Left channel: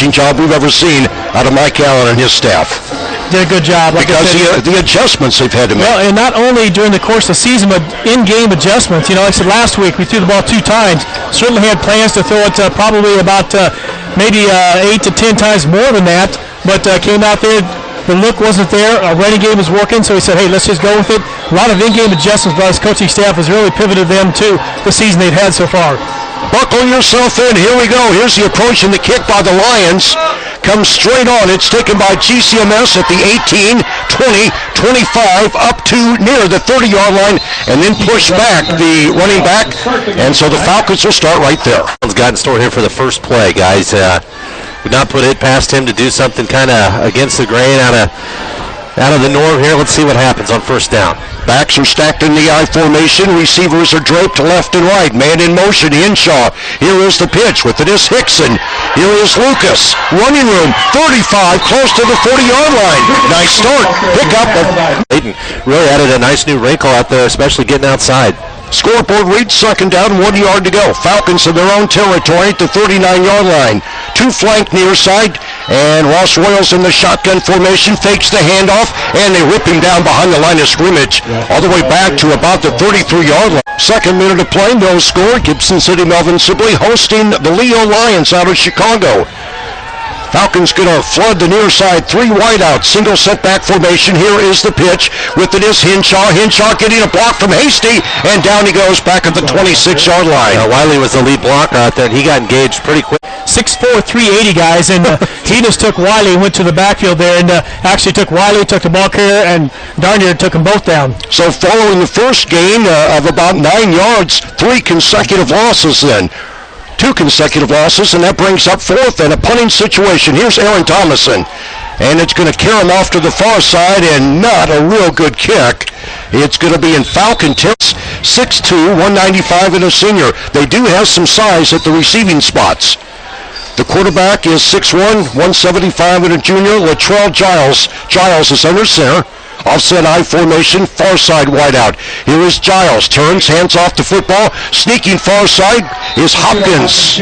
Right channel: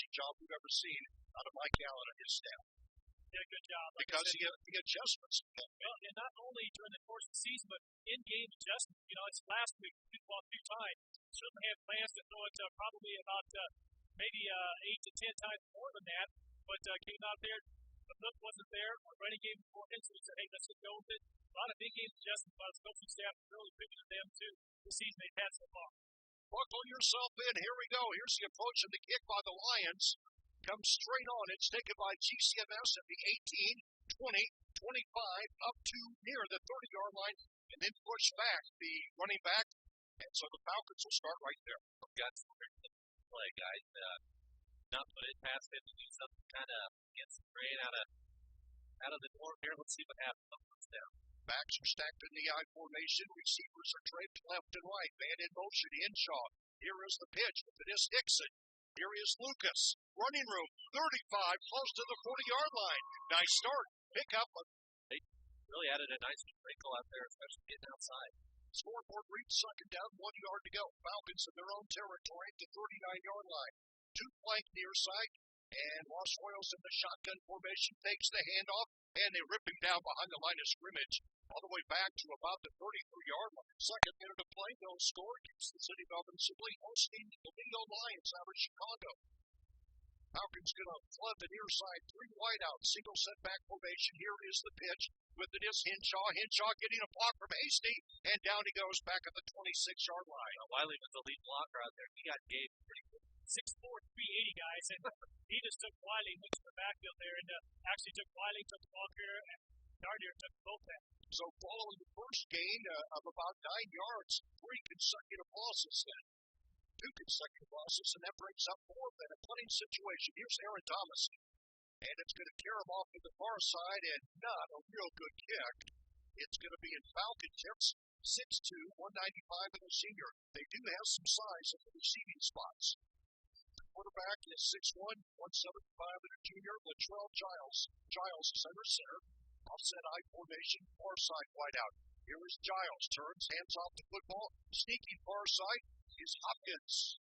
coaching job we've ever seen out of Mike Allen and his staff. Did a good job. Like because the adjustments they've had to make. Well, and not only during the course of the season, but in-game adjustments. Like I said last week, we threw the ball 2 times. Certainly had plans to throw it probably about maybe 8 to 10 times more than that, but came out there. The look wasn't there. Our running game was working, so he said, hey, let's just go with it. A lot of in-game adjustments by his coaching staff has really pivoted them to the season they've had so far. Buckle yourself in. Here we go. Here's the approach and the kick by the Lions. Comes straight on. It's taken by GCMS at the 18, 20, 25, up to near the 30-yard line, and then push back the running back. And so the Falcons will start right there. Got in store here for the first play, guys. Would not put it past him to do something kind of against the grain, out of the norm here. Let's see what happens on first down. Backs are stacked in the I formation. Receivers are draped to left and right. Man in motion, Henshaw. Here is the pitch with it is Hickson. Here is Lucas. Running room, 35, close to the 40-yard line. Nice start. Pick up. Layton really added a nice new wrinkle out there, especially getting outside. Scoreboard reads 2nd down, 1 yard to go. Falcons in their own territory at the 39-yard line. 2 flank near side, and Ross Royals in the shotgun formation fakes the handoff, and they rip him down behind the line of scrimmage, all the way back to about the 33-yard line. 2nd minute of play, no score. Gibson City Melvin-Sibley hosting the Leo Lions out of Chicago. Falcons going to flood the near side, 3 wideouts, single setback formation. Here is the pitch with it is Henshaw. Henshaw getting a block from Hasty, and down he goes back at the 26-yard line. Wiley was the lead blocker out there, and he got engaged pretty quick. 6'4", 380 guys, and he just took Wiley and went to the backfield there, and actually took Wiley, took the ball carrier, and darn near took them both down. So following the first gain of about 9 yards, 3 consecutive losses then. 2 consecutive losses, and that brings up 4th and a punting situation. Here's Aaron Thomason, and it's going to carry him off to the far side, and not a real good kick. It's going to be in Falcon tips, 6'2", 195, and a senior. They do have some size at the receiving spots. The quarterback is 6'1", 175, and a junior, Latrell Giles. Giles is under center. Offset I formation, far side wideout. Here is Giles, turns, hands off the football. Sneaking far side is Hopkins.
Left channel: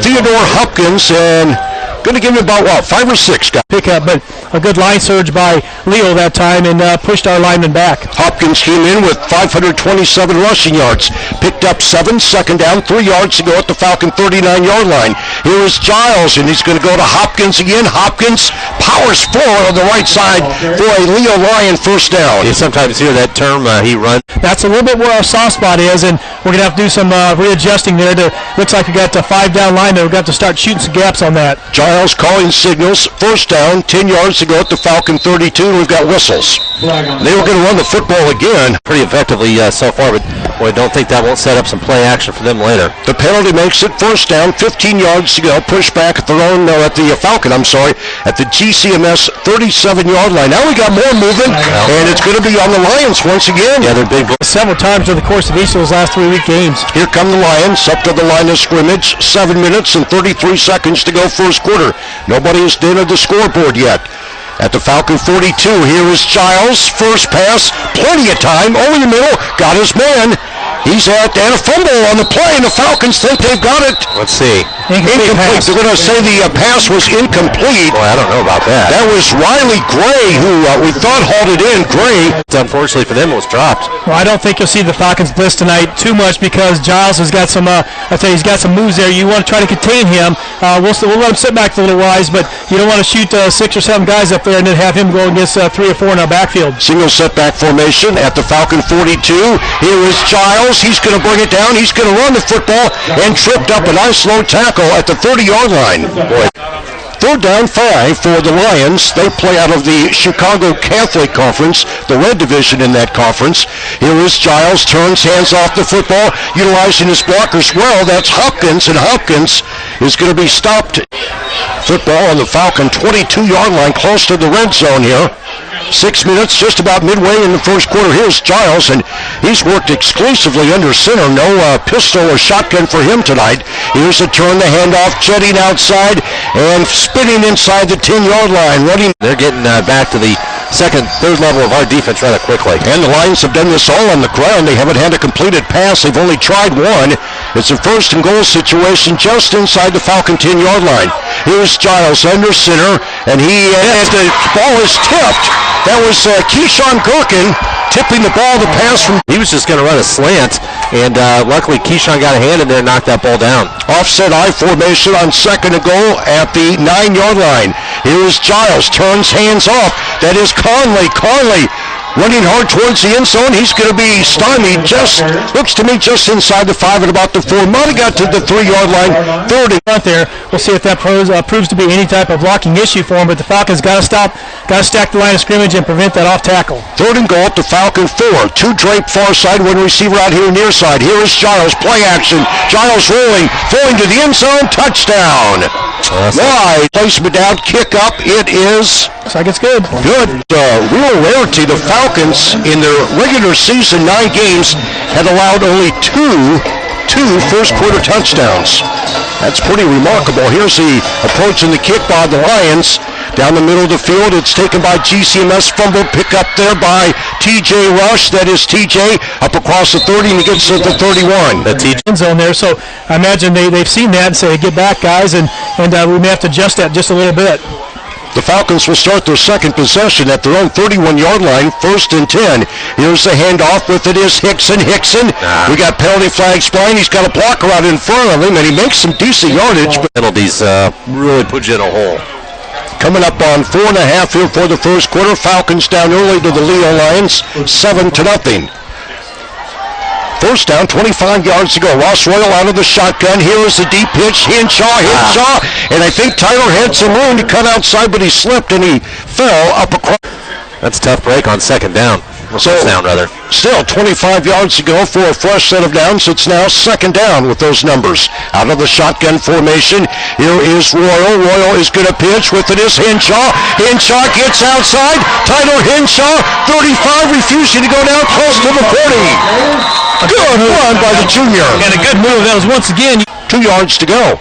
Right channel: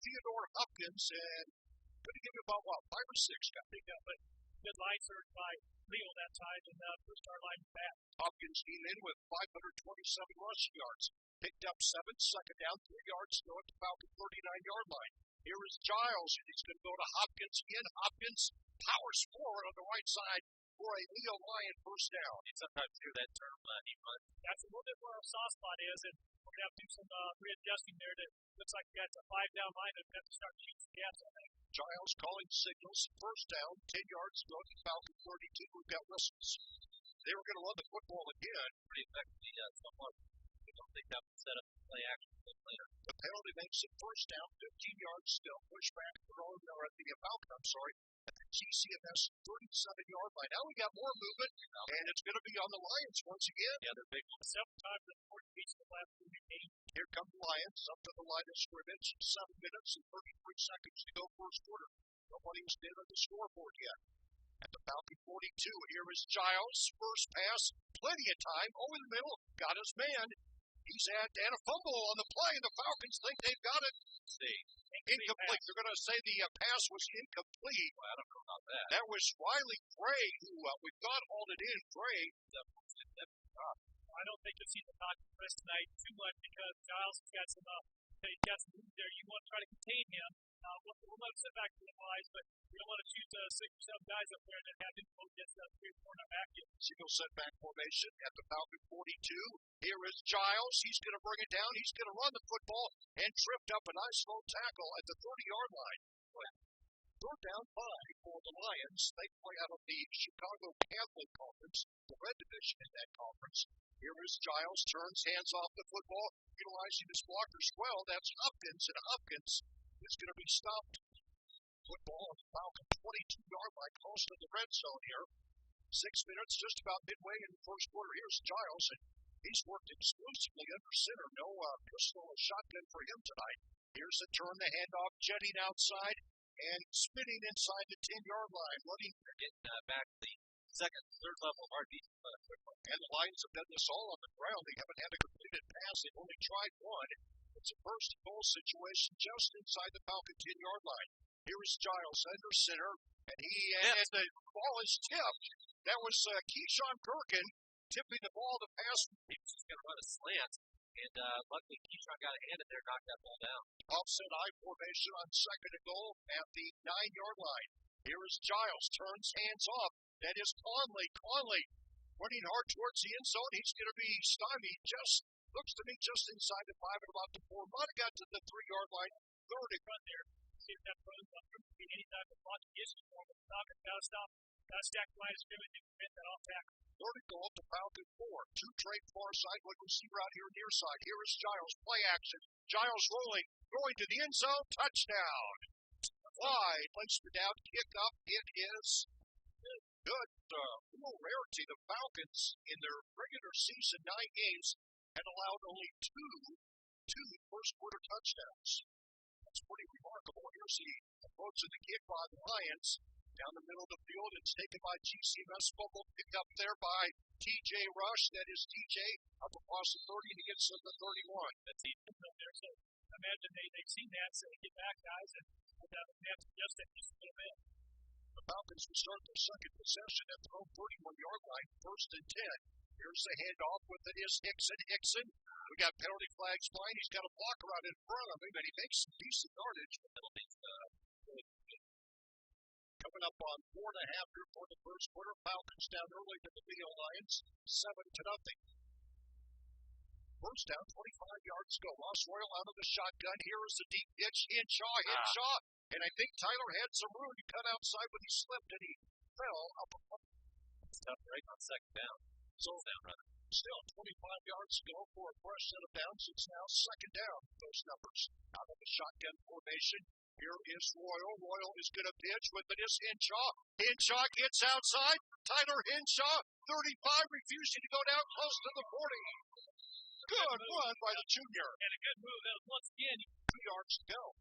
Theodore Hopkins, and going to give him about, 5 or 6 guys. Pick up, but a good line surge by Leo that time, and pushed our lineman back. Hopkins came in with 527 rushing yards. Picked up 7, 2nd down, 3 yards to go at the Falcon 39-yard line. Here is Giles, and he's going to go to Hopkins again. Hopkins powers forward on the right side for a Leo Lion first down. You sometimes hear that term, he runs. That's a little bit where our soft spot is, and we're going to have to do some readjusting there. Looks like we got a 5-down line there. We've got to start shooting some gaps on that. Giles calling signals. First down, 10 yards to go at the Falcon 32. We've got whistles. They were going to run the football again. Pretty effectively so far, but boy, I don't think that won't set up some play action for them later. The penalty makes it first down, 15 yards to go. Push back at the Falcon, at the GCMS 37-yard line. Now we got more movement, and it's going to be on the Lions once again. Yeah, they're big. Several times over the course of each of those last 3-week games. Here come the Lions up to the line of scrimmage. 7 minutes and 33 seconds to go first quarter. Nobody has entered the scoreboard yet. At the Falcon 42, here is Giles. First pass, plenty of time. Over the middle, got his man. He's at and a fumble on the play, and the Falcons think they've got it. Let's see. Incomplete. They're going to say the pass was incomplete. Boy, I don't know about that. That was Riley Gray, who we thought halted in. Gray. Unfortunately for them, it was dropped. Well, I don't think you'll see the Falcons blitz tonight too much because Giles has got some. He's got some moves there. You want to try to contain him. We'll let him sit back a little wise, but you don't want to shoot 6 or 7 guys up there and then have him go against 3 or 4 in our backfield. Single setback formation at the Falcon 42. Here is Giles. He's going to bring it down. He's going to run the football and tripped up a nice low tackle at the 30-yard line. Boy. 3rd down, 5 for the Lions. They play out of the Chicago Catholic Conference, the red division in that conference. Here is Giles, turns, hands off the football, utilizing his blockers well. That's Hopkins, and Hopkins is going to be stopped. Football on the Falcon 22-yard line, close to the red zone here. 6 minutes, just about midway in the first quarter. Here's Giles, and he's worked exclusively under center. No pistol or shotgun for him tonight. Here's a turn, the handoff, jetting outside, and spinning inside the 10-yard line. Running. They're getting back to the third level of our defense rather quickly. And the Lions have done this all on the ground. They haven't had a completed pass. They've only tried one. It's a first and goal situation just inside the Falcon 10-yard line. Here's Giles under center, and the ball is tipped. That was Keyshawn Gherkin tipping the ball. The pass from... He was just going to run a slant, and luckily Keyshawn got a hand in there and knocked that ball down. Offset I formation on second and goal at the 9-yard line. Here is Giles, turns hands off. That is Conley. Conley running hard towards the end zone. He's going to be stymied. Looks to me just inside the 5 at about the 4. Might have got to the 3-yard line. Third and out there. We'll see if that proves to be any type of blocking issue for him. But the Falcons got to stack the line of scrimmage and prevent that off tackle. Third and goal at the Falcon 4. 2 drape far side, 1 receiver out here near side. Here is Giles. Play action. Giles rolling, throwing to the end zone. Touchdown. Wide placement down, kick up. It is. Looks like it's good. Good. Real rarity. The Falcons in their regular season 9 games had allowed only two first quarter touchdowns. That's pretty remarkable. Here's the approach and the kick by the Lions. Down the middle of the field, it's taken by GCMS. Fumble pick up there by TJ Rush. That is TJ up across the 30 and he gets to the 31. The TJ zone there. So I imagine they've seen that and say, get back, guys, and we may have to adjust that just a little bit. The Falcons will start their second possession at their own 31-yard line, 1st and 10. Here's the handoff with it is Hickson. We got penalty flags flying. He's got a blocker out in front of him, and he makes some decent yardage. But penalties really put you in a hole. Coming up on 4.5 here for the first quarter. Falcons down early to the Leo Lions, 7-0. First down, 25 yards to go. Ross Royal out of the shotgun. Here is the deep pitch. Hinshaw. And I think Tyler had some room to cut outside, but he slipped and he fell up across. That's a tough break on second down. Down, rather. Still 25 yards to go for a fresh set of downs. It's now second down with those numbers. Out of the shotgun formation, here is Royal. Royal is going to pitch. With it is Hinshaw. Hinshaw gets outside. Tyler Hinshaw, 35, refusing to go down close to the 40. Good run by the junior. And a good move. That was once again. 2 yards to go.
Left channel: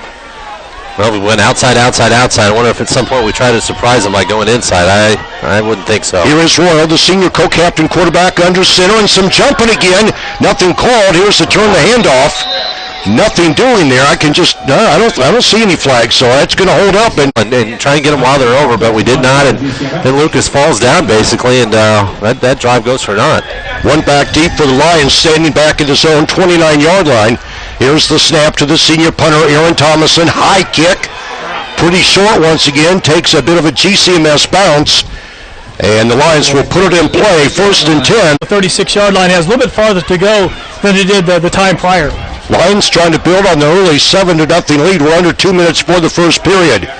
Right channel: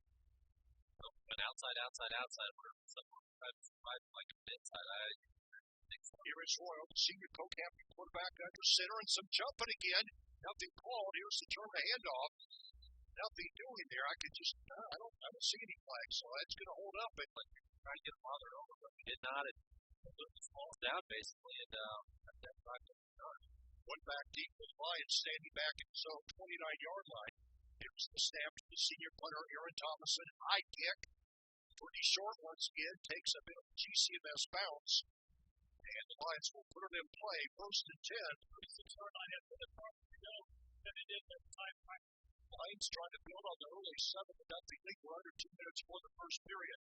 Well, we went outside. I wonder if at some point we try to surprise them by going inside. I wouldn't think so. Here is Royal, the senior co-captain quarterback under center, and some jumping again. Nothing called. Here's the turn the handoff. Nothing doing there. I don't see any flags, so that's going to hold up and try and get them while they're over, but we did not. And then Lucas falls down basically, and that drive goes for naught. One back deep for the Lions, standing back at his own 29-yard line. Here's the snap to the senior punter, Aaron Thomason. High kick. Pretty short once again. Takes a bit of a GCMS bounce. And the Lions will put it in play. 1st and 10. The 36-yard line has a little bit farther to go than it did the time prior. Lions trying to build on the early 7-0 lead. We're under 2 minutes for the first period.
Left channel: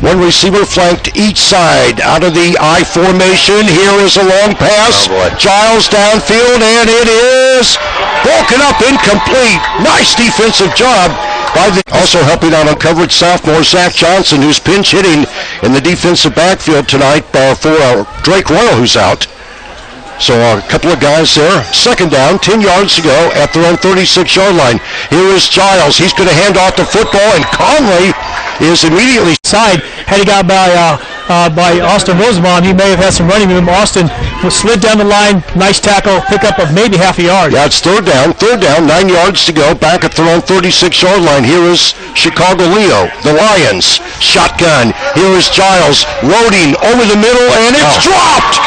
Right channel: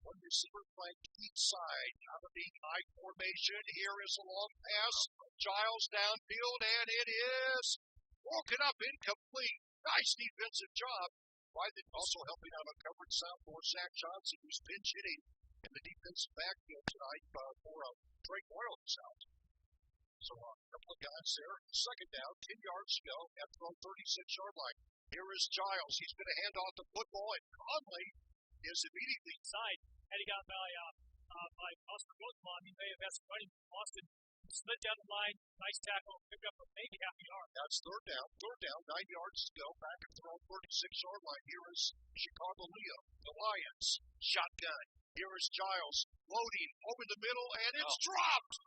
One receiver flanked each side out of the I formation. Here is a long pass. Giles downfield, and it is broken up, incomplete. Nice defensive job by the also helping out on coverage sophomore Zach Johnson, who's pinch hitting in the defensive backfield tonight for Drake Royal, who's out. So a couple of guys there. Second down, 10 yards to go at their own 36-yard line. Here is Giles. He's going to hand off the football, and Conley is immediately side. Had he got by Austin Rosenbaum, he may have had some running room. Austin slid down the line. Nice tackle, pickup of maybe half a yard. Yeah, it's third down, 9 yards to go. Back at their own 36-yard line. Here is Chicago Leo, the Lions. Shotgun. Here is Giles loading over the middle, and it's dropped.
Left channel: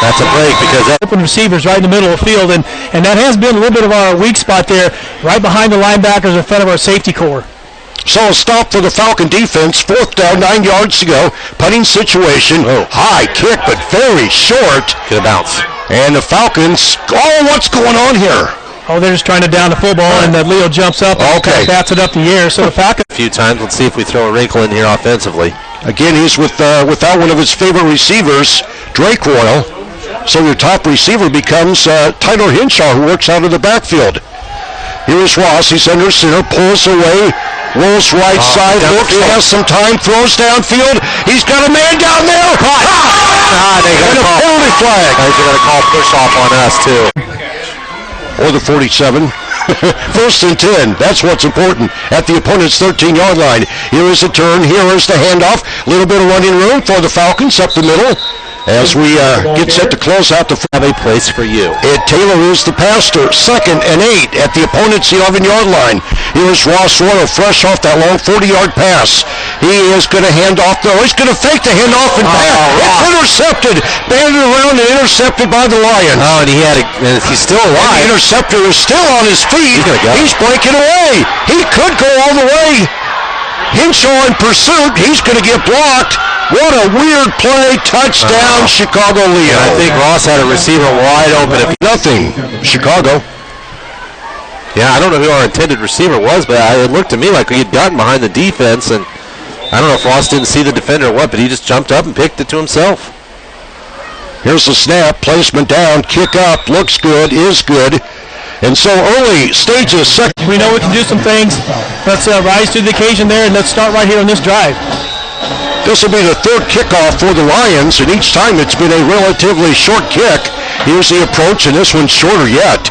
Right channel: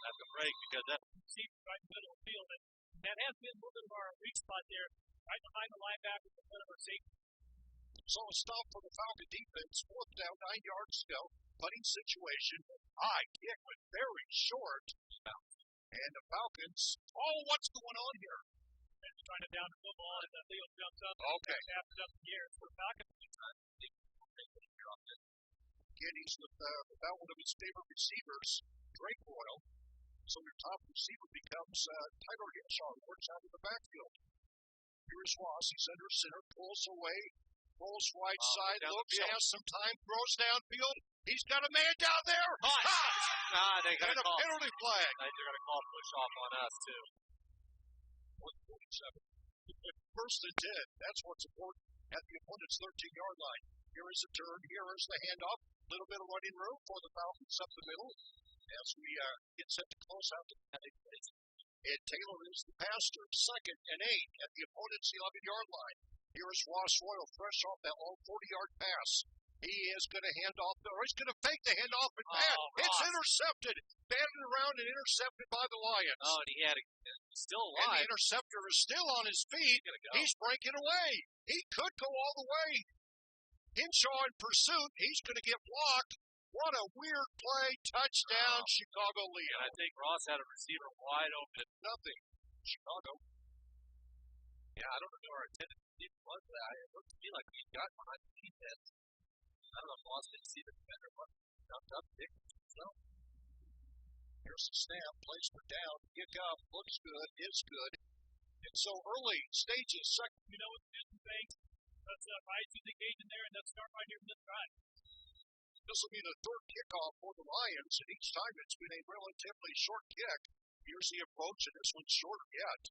That's a break because open receivers right in the middle of the field, and that has been a little bit of our weak spot there, right behind the linebackers in front of our safety core. So a stop for the Falcon defense. 4th down, 9 yards to go. Punting situation. High kick, but very short. Good bounce. And the Falcons, what's going on here? They're just trying to down the football, and Leo jumps up and bats it up the air. So the Falcons. A few times. Let's see if we throw a wrinkle in here offensively. Again, he's without one of his favorite receivers, Drake Royal. So your top receiver becomes Tyler Hinshaw, who works out of the backfield. Here is Ross. He's under center, pulls away, rolls right side, looks, has some time, throws downfield. He's got a man down there. They got a penalty flag. They're going to call push off on us too. Or the 47. 1st and 10. That's what's important at the opponent's 13-yard line. Here is the turn. Here is the handoff. A little bit of running room for the Falcons up the middle. as we get set to close out the have a place for you. Ed Taylor is the passer. 2nd and 8 at the opponent's 11-yard line. Here's Ross Royal fresh off that long 40-yard pass. He is going to hand off. No, he's going to fake the handoff and back. It's intercepted. Banded around and intercepted by the Lions. Oh, and he's still alive. And the interceptor is still on his feet. He's breaking away. He could go all the way. Hinshaw in pursuit. He's going to get blocked. What a weird play. Touchdown, Chicago Leo. I think Ross had a receiver wide open. Nothing. Chicago. Yeah, I don't know who our intended receiver was, but it looked to me like he had gotten behind the defense, and I don't know if Ross didn't see the defender or what, but he just jumped up and picked it to himself. Here's the snap. Placement down. Kick up. Looks good. Is good. And so early stages. We know we can do some things. Let's rise to the occasion there, and let's start right here on this drive. This will be the 3rd kickoff for the Lions, and each time it's been a relatively short kick. Here's the approach, and this one's shorter yet.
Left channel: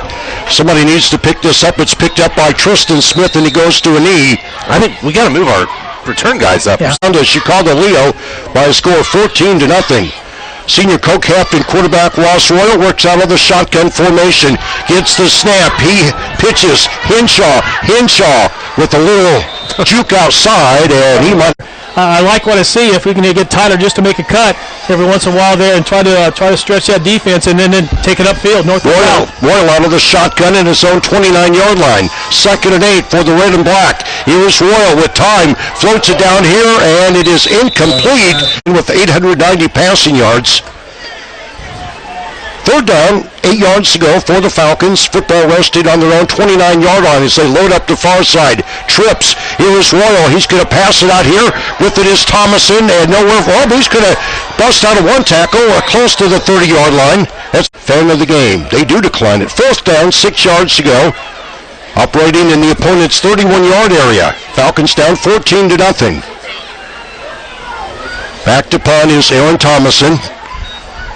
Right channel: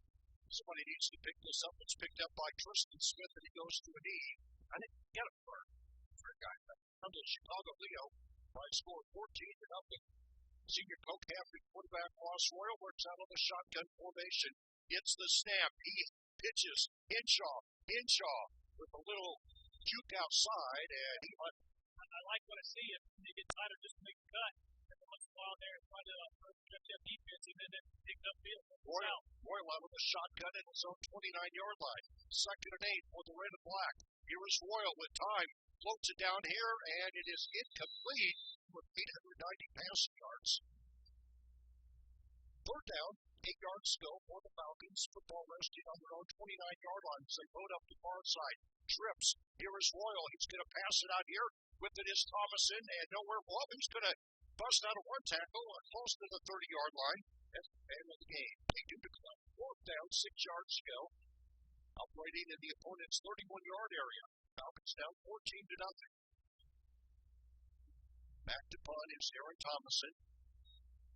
Somebody needs to pick this up. It's picked up by Tristan Smith, and he goes to a knee. I think we got to move our return guys up. Yeah. Down to Chicago Leo by a score of 14-0. Senior co-captain quarterback Ross Royal works out of the shotgun formation. Gets the snap. He pitches. Hinshaw with a little juke outside, and he might. I like what I see. If we can get Tyler just to make a cut every once in a while there and try to stretch that defense and then take it upfield. Royal out of the shotgun in his own 29-yard line. 2nd and 8 for the red and black. Here's Royal with time. Floats it down here, and it is incomplete with 890 passing yards. 3rd down, 8 yards to go for the Falcons. Football rested on their own 29-yard line as they load up the far side. Trips. Here is Royal. He's going to pass it out here. With it is Thomason, and nowhere for him. He's going to bust out of one tackle close to the 30-yard line. That's the fan of the game. They do decline it. 4th down, 6 yards to go. Operating in the opponent's 31-yard area. Falcons down 14-0. Back to punt is Aaron Thomason.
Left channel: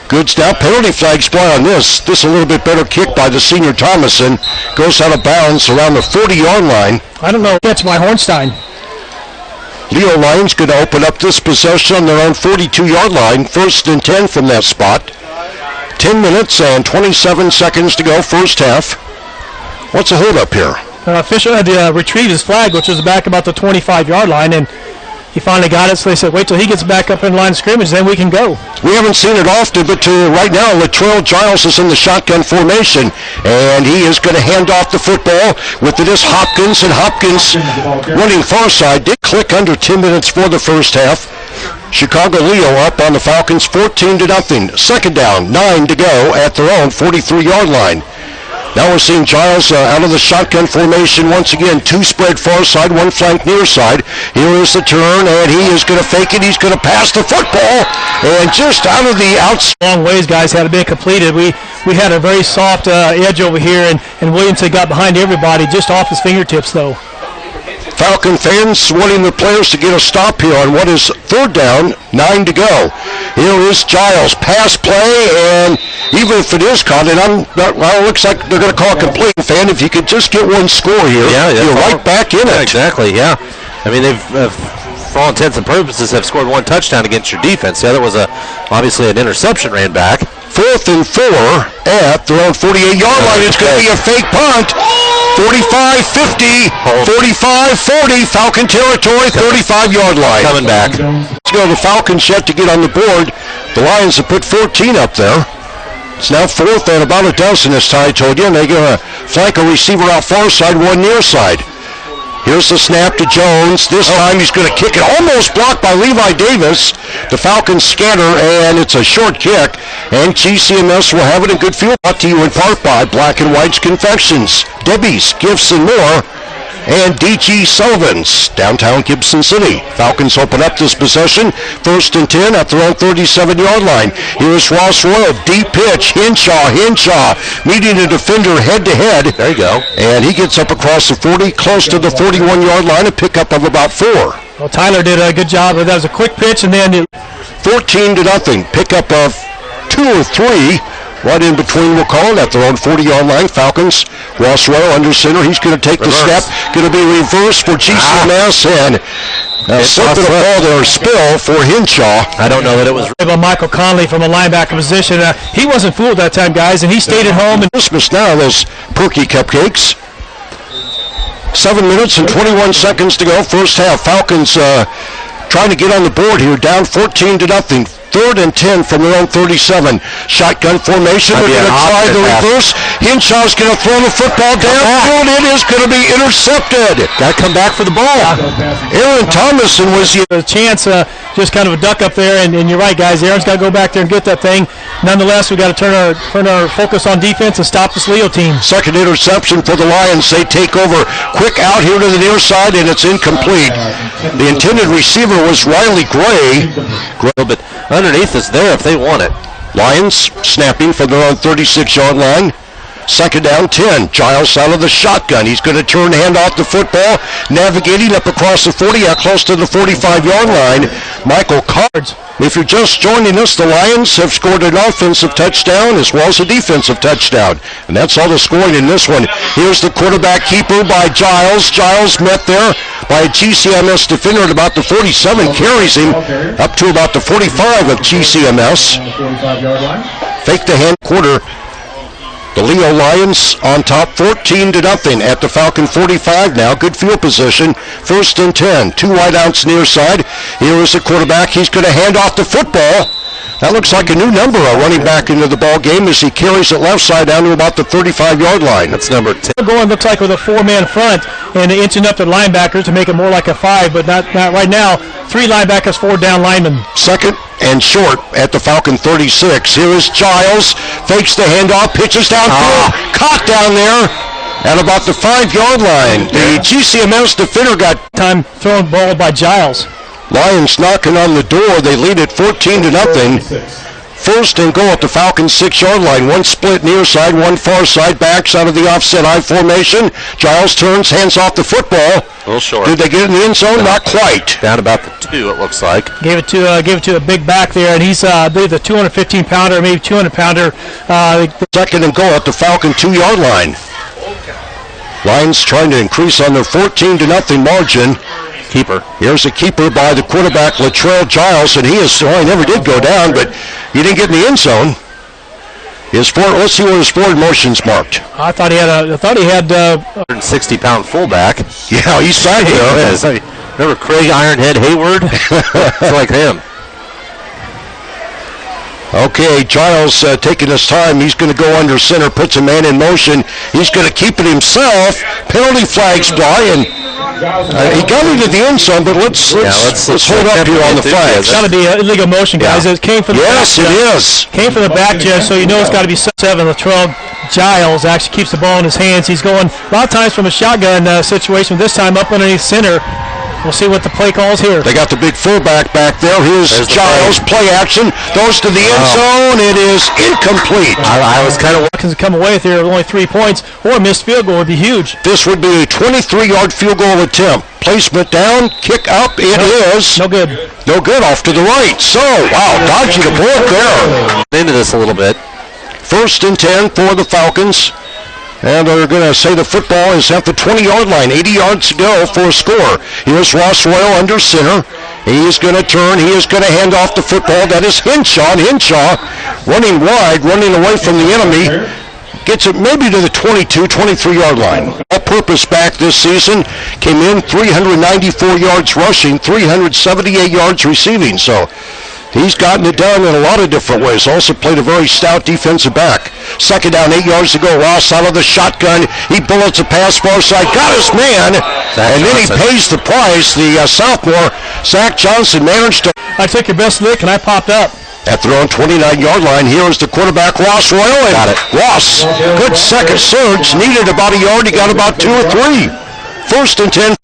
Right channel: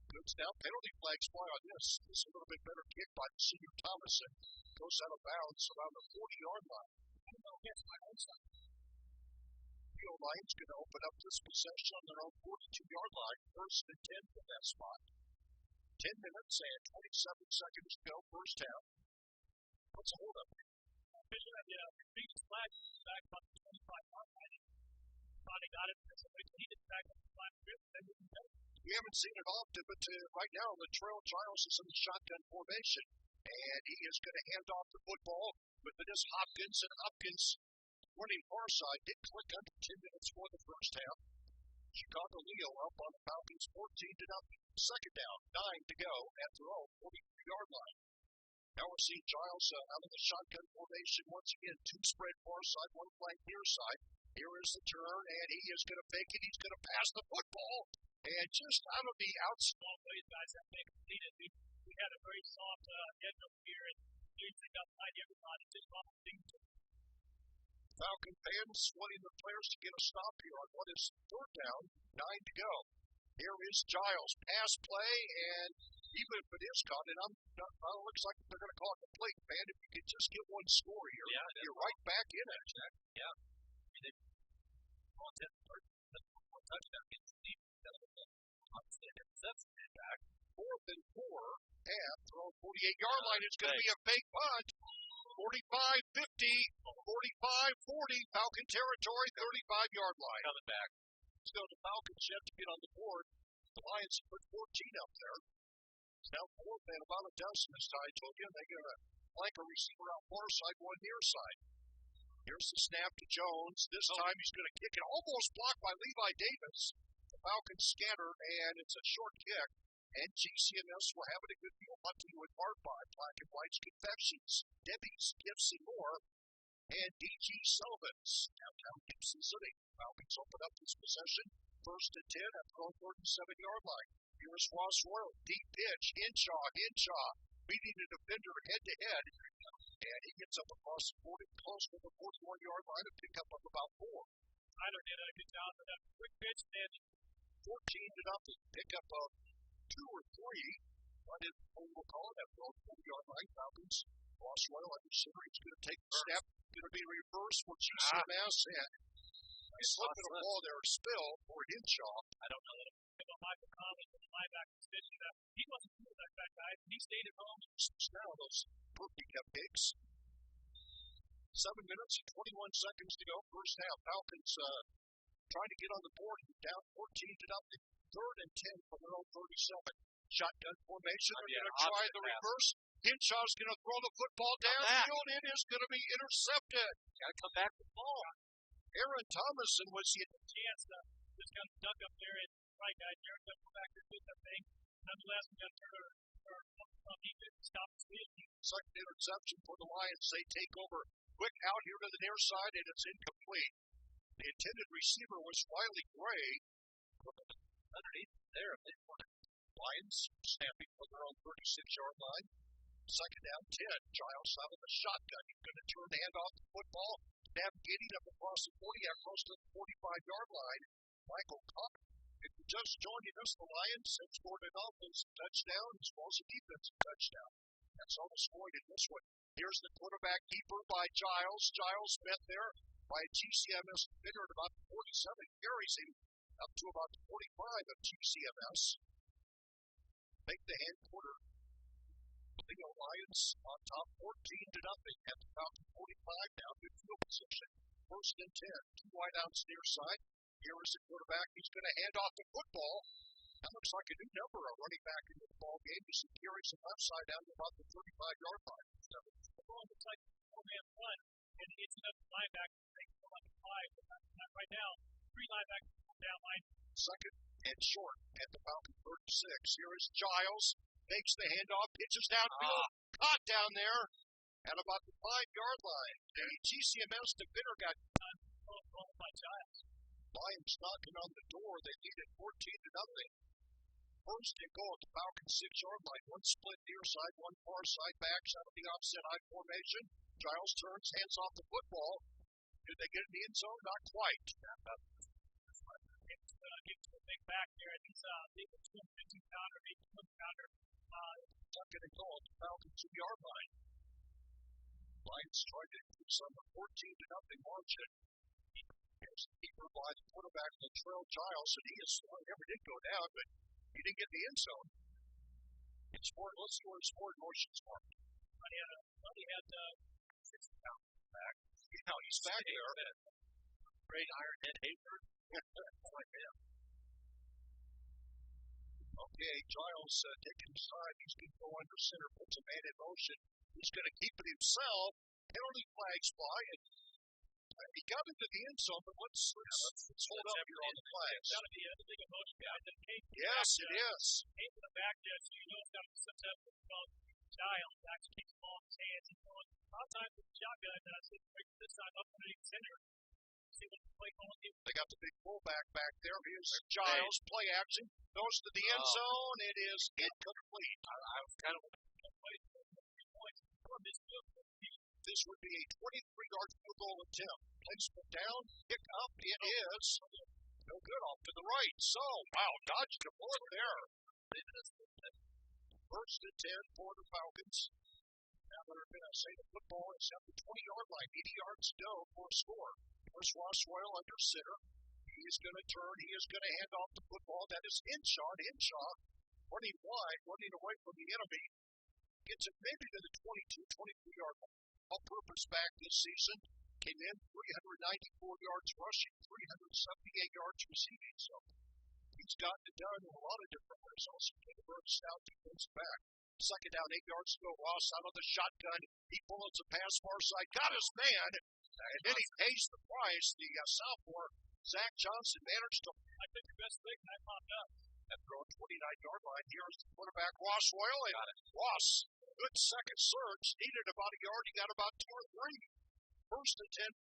Good snap. Penalty flags fly on this. This a little bit better kick by the senior Thomason. Goes out of bounds around the 40-yard line. I don't know. Catch by Hornstein. Leo Lions going to open up this possession on their own 42-yard line. 1st and 10 from that spot. 10 minutes and 27 seconds to go, first half. What's the hold up here? Official had to retrieve his flag, which was back about the 25-yard line, and he finally got it, so they said, wait till he gets back up in line of scrimmage, then we can go. We haven't seen it often, but right now, Latrell Giles is in the shotgun formation, and he is going to hand off the football. With it is Hopkins, and Hopkins running far side. Did click under 10 minutes for the first half. Chicago Leo up on the Falcons 14-0. 2nd down, 9 to go at their own 43-yard line. Now we're seeing Giles out of the shotgun formation once again. 2 spread far side, 1 flank near side. Here is the turn, and he is going to fake it. He's going to pass the football, and just out of the outside. Long ways, guys, had it been completed. We had a very soft edge over here, and Williamson got behind everybody, just off his fingertips, though. Falcon fans wanting the players to get a stop here on what is 3rd down, 9 to go. Here is Giles, pass play, and even if it is caught, and it looks like they're going to call a complete fan. If you could just get one score here, you're right back in it. Exactly, yeah. I mean, they've, for all intents and purposes, have scored 1 touchdown against your defense. The other was obviously an interception ran back. 4th and 4 at their own 48-yard line. It's going to be a fake punt. 45-50, 45-40, Falcon territory, 35-yard line. Coming back. Let's go. The Falcons yet to get on the board. The Lions have put 14 up there. It's now 4th and about a dozen, as Ty told you, and they're going to flank a receiver out far side, 1 near side. Here's the snap to Jones. This time he's going to kick it. Almost blocked by Levi Davis. The Falcons scatter, and it's a short kick. And GCMS will have it in good field. Brought to you in part by Black & White's Confections, Debbie's Gifts and More, and D.G. Sullivan's, downtown Gibson City. Falcons open up this possession. 1st and 10 at their own 37-yard line. Here's Ross Royal, deep pitch. Hinshaw meeting a defender head-to-head. There you go. And he gets up across the 40, close to the 41-yard line, a pickup of about 4. Well, Tyler did a good job. That was a quick pitch, and then 14-0. Pickup of 2 or 3. Right in between, we'll call it, at their own 40-yard line. Falcons, Ross Royal under center. He's going to take the step. Going to be reversed for GCMS, and Slip of the ball there, spill for Hinshaw. I don't know that it was. Michael Conley from a linebacker position. He wasn't fooled that time, guys, and he stayed at home. And Christmas now, those perky cupcakes. 7 minutes and 21 seconds to go. First half. Falcons trying to get on the board here, down 14-0. 3rd and 10 from their own 37. Shotgun formation. They're going to try the reverse. Hinshaw's going to throw the football downfield. It is going to be intercepted. Got to come back for the ball. Aaron Thomason was a chance, just kind of a duck up there, and you're right, guys. Aaron's got to go back there and get that thing. Nonetheless, we got to turn our focus on defense and stop this Leo team. Second interception for the Lions. They take over. Quick out here to the near side, and it's incomplete. The intended receiver was Riley Gray. But underneath is there if they want it. Lions snapping from their own 36-yard line. Second down, 10. Giles out of the shotgun. He's going to turn, hand off the football, navigating up across the 40, out close to the 45-yard line. Michael Cards. If you're just joining us, the Lions have scored an offensive touchdown as well as a defensive touchdown. And that's all the scoring in this one. Here's the quarterback keeper by Giles. Giles met there by a GCMS defender at about the 47, carries him up to about the 45 of GCMS. Fake the hand quarter. The Leo Lions on top 14-0 at the Falcon 45 now. Good field position. 1st and 10. 2 wideouts near side. Here is the quarterback. He's going to hand off the football. That looks like a new number running back into the ball game as he carries it left side down to about the 35-yard line. That's number 10. Going looks like with a 4-man front and inching up the linebackers to make it more like a 5, but not right now. 3 linebackers, 4 down linemen. Second and short at the Falcon 36. Here is Giles. Fakes the handoff, pitches downfield. Caught down there at about the 5-yard line. The GCMS defender got time thrown ball by Giles. Lions knocking on the door. They lead it 14-0. 1st and goal at the Falcons 6-yard line. 1 split near side, 1 far side. Backs out of the offset I formation. Giles turns, hands off the football. A little short. Did they get it in the end zone? Not quite. Down about the 2, it looks like. Gave it to a big back there, and he's I believe the 215-pounder, maybe 200-pounder. 2nd and goal at the Falcon 2-yard line. Lions trying to increase on their 14-0 margin. Keeper. Here's a keeper by the quarterback, Latrell Giles, and he never did go down, but he didn't get in the end zone. Let's see what his forward motion's marked. I thought he had 160-pound fullback. Yeah, he's back there. Remember Craig Ironhead Hayward? It's like him. Okay, Giles taking his time. He's going to go under center, puts a man in motion. He's going to keep it himself. Penalty flags fly, and he got into the end zone, but let's hold up here on the flags. It's got to be illegal motion, guys. It came from the yes, back, it is. Came from the back, Jeff, so you know it's got to be 7. Latrell Giles actually keeps the ball in his hands. He's going a lot of times from a shotgun situation. This time up underneath center. We'll see what the play calls here. They got the big fullback back there. Here's Giles, play action, goes to the end zone. It is incomplete. I was kind of Falcons come away with here with only 3 points, or a missed field goal would be huge. This would be a 23-yard field goal attempt. Placement down, kick up, it is. No good. No good, off to the right. So, wow, dodging the board there. Into this a little bit. 1st and 10 for the Falcons. And they're going to say the football is at the 20-yard line. 80 yards to go for a score. Here's Ross Royal under center. He is going to turn. He is going to hand off the football. That is Hinshaw. Hinshaw running wide, running away from the enemy. Gets it maybe to the 22, 23-yard line. All-purpose back this season. Came in 394 yards rushing, 378 yards receiving. So he's gotten it done in a lot of different ways. Also played a very stout defensive back. 2nd down, 8 yards to go. Ross out of the shotgun. He bullets a pass far side. Got his man. And then he pays the price. The sophomore, Zach Johnson, managed to. I took your best lick and I popped up. At their own 29-yard line, here is the quarterback, Ross Royal. Got it. Ross, good second surge. Needed about a yard. He got about 2 or 3. 1st and 10.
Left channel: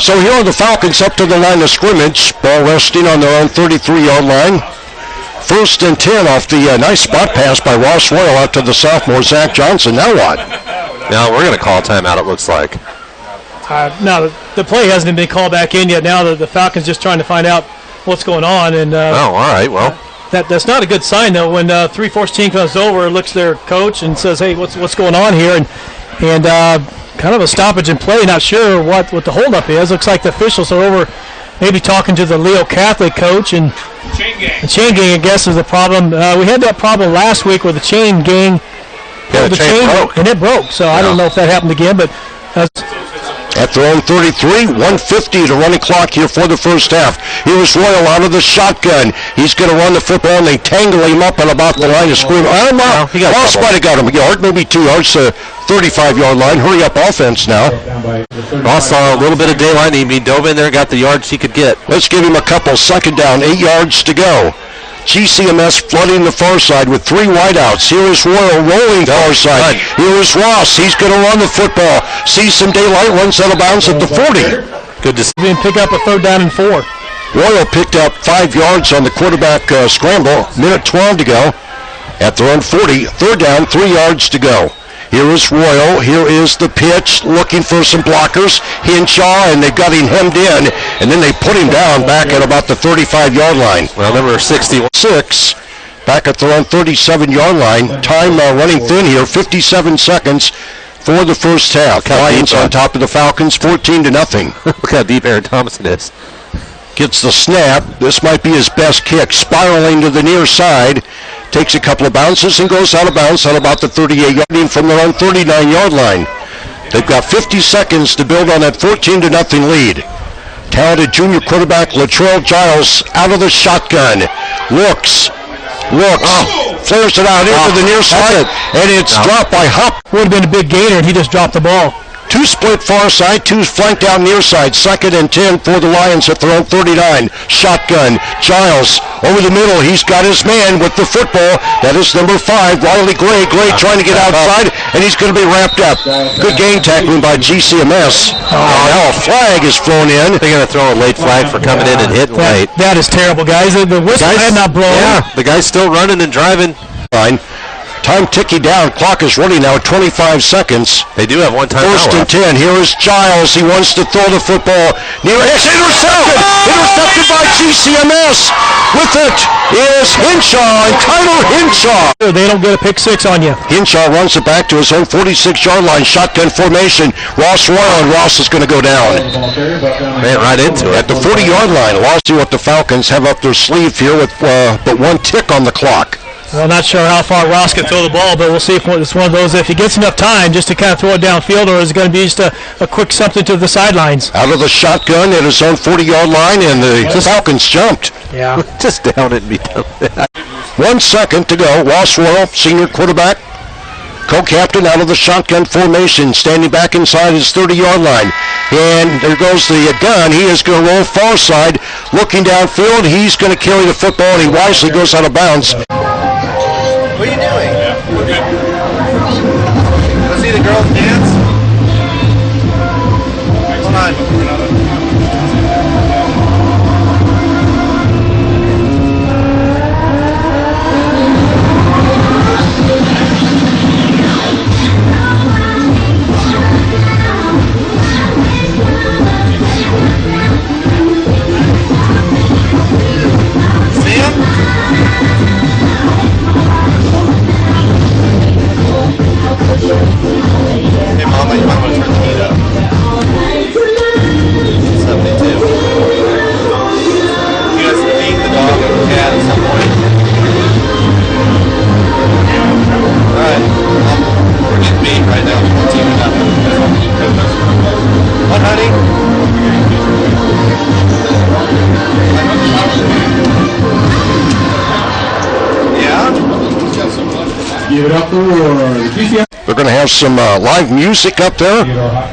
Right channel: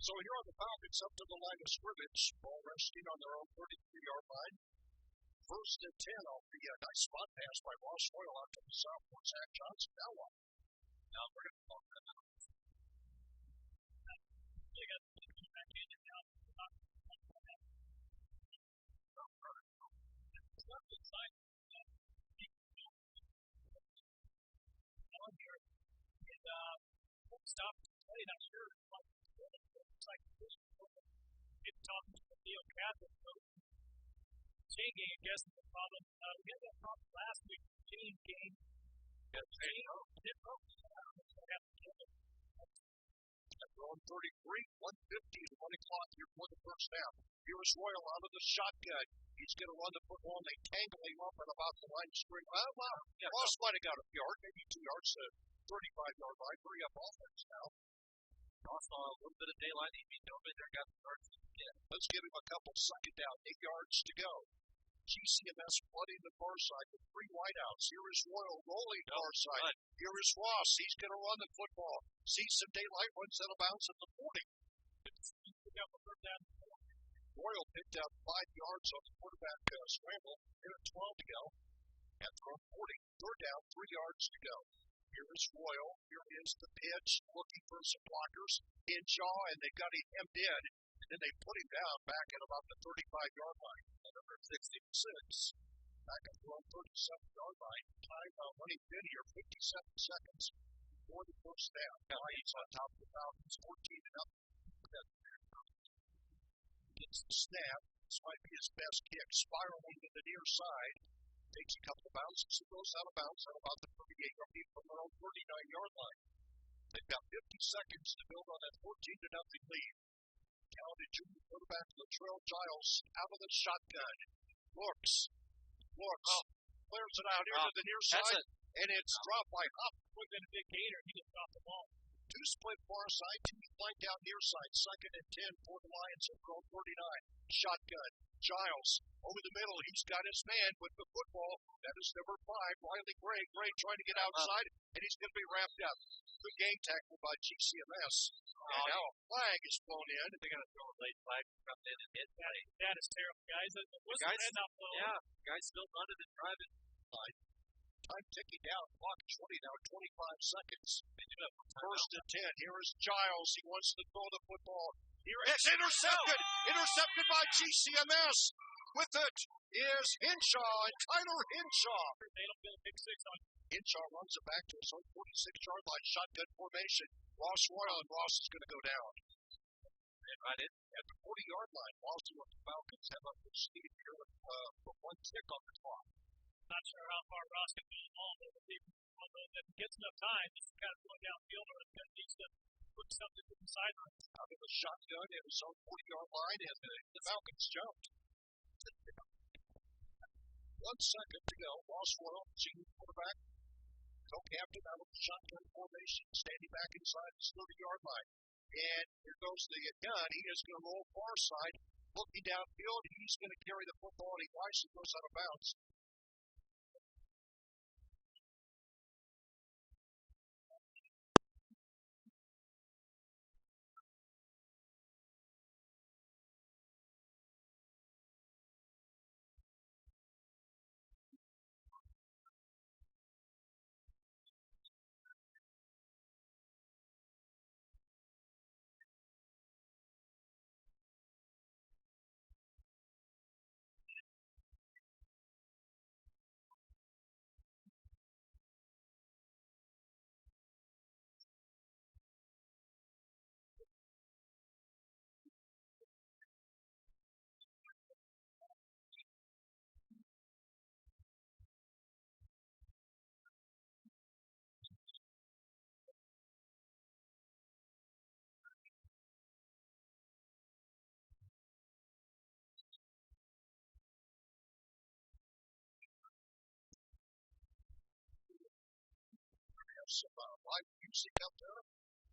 So here are the Falcons up to the line of scrimmage. Ball resting on their own 33-yard line. 1st and 10 off the nice spot pass by Ross Royal out to the sophomore, Zach Johnson. Now what? Now we're going to call a timeout, it looks like. Now, the play hasn't been called back in yet. Now the Falcons just trying to find out what's going on. And all right, well. That's not a good sign, though, when 3-4 team comes over, looks their coach and says, hey, what's going on here? And kind of a stoppage in play. Not sure what the holdup is. Looks like the officials are over, maybe talking to the Leo Catholic coach, and the chain gang, I guess, is the problem. We had that problem last week where the chain gang, the chain broke. And it broke. So I don't know if that happened again, but. At their own 33, 150 to running clock here for the first half. Here's Royal out of the shotgun. He's going to run the football, and they tangle him up at about the line of scrimmage. Ross might have got him a yard, maybe 2 yards to 35-yard line. Hurry up offense now. Ross saw a little bit of daylight. He dove in there, got the yards he could get. Let's give him a couple. 2nd down, 8 yards to go. GCMS flooding the far side with 3 wideouts. Here is Royal rolling far side. Here is Ross. He's going to run the football. Sees some daylight, runs out of bounds at the 40. Good to see him pick up a 3rd down and 4. Royal picked up 5 yards on the quarterback scramble. Minute 12 to go. At their own 40, 3rd down, 3 yards to go. Here is Royal. Here is the pitch, looking for some blockers. Hinshaw, and they've got him hemmed in, and then they put him down back at about the 35-yard line. Well, number 66, back at their own 37-yard line. Time running thin here, 57 seconds for the first half. Lions on top of the Falcons, 14-0. Look how deep Aaron Thomason is. Gets the snap. This might be his best kick, spiraling to the near side. Takes a couple of bounces and goes out of bounds at about the 38-yard from their own 39-yard line. They've got 50 seconds to build on that 14-0 lead. Talented junior quarterback Latrell Giles out of the shotgun. Looks, flares it out into the near side, and it's dropped by Hop. Would have been a big gainer, and he just dropped the ball. 2 split far side, 2 flanked down near side. 2nd and 10 for the Lions at their own 39. Shotgun. Giles over the middle. He's got his man with the football. That is number 5, Riley Gray. Gray trying to get outside, and he's going to be wrapped up. Good game tackling by GCMS. Now a flag is thrown in. They're going to throw a late flag for coming in and hitting late. That is terrible, guys. The whistle had not blown. Yeah, the guy's still running and driving. Fine. Time ticking down. Clock is running now at 25 seconds. They do have one time. 1st and 10. Here is Giles. He wants to throw the football. It's intercepted. Intercepted by GCMS. With it is Hinshaw, and Tyler Hinshaw. They don't get a pick 6 on you. Hinshaw runs it back to his own 46-yard line. Shotgun formation. Ross Royal, and Ross is going to go down. Man, right into it. At the 40-yard line. Lost to what the Falcons have up their sleeve here with but 1 tick on the clock. Well, not sure how far Ross can throw the ball, but we'll see if it's one of those, if he gets enough time just to kind of throw it downfield, or is it going to be just a quick something to the sidelines. Out of the shotgun at his own 40-yard line, and the Falcons jumped. Yeah. Just down it and be done with that. 1 second to go. Ross Royal, senior quarterback, co-captain out of the shotgun formation, standing back inside his 30-yard line. And there goes the gun. He is going to roll far side, looking downfield. He's going to carry the football, and he wisely goes out of bounds. What are you doing? Yeah, we're good. Let's see the girls dance. Hold on. Hey, Mama, you might want to turn the heat up. 72. You guys feed the dog and the cat at some point. Alright. We're getting beat right now. 14-0. What, honey? Yeah? Give it up for GCMS. They're going to have some live music up there. Well,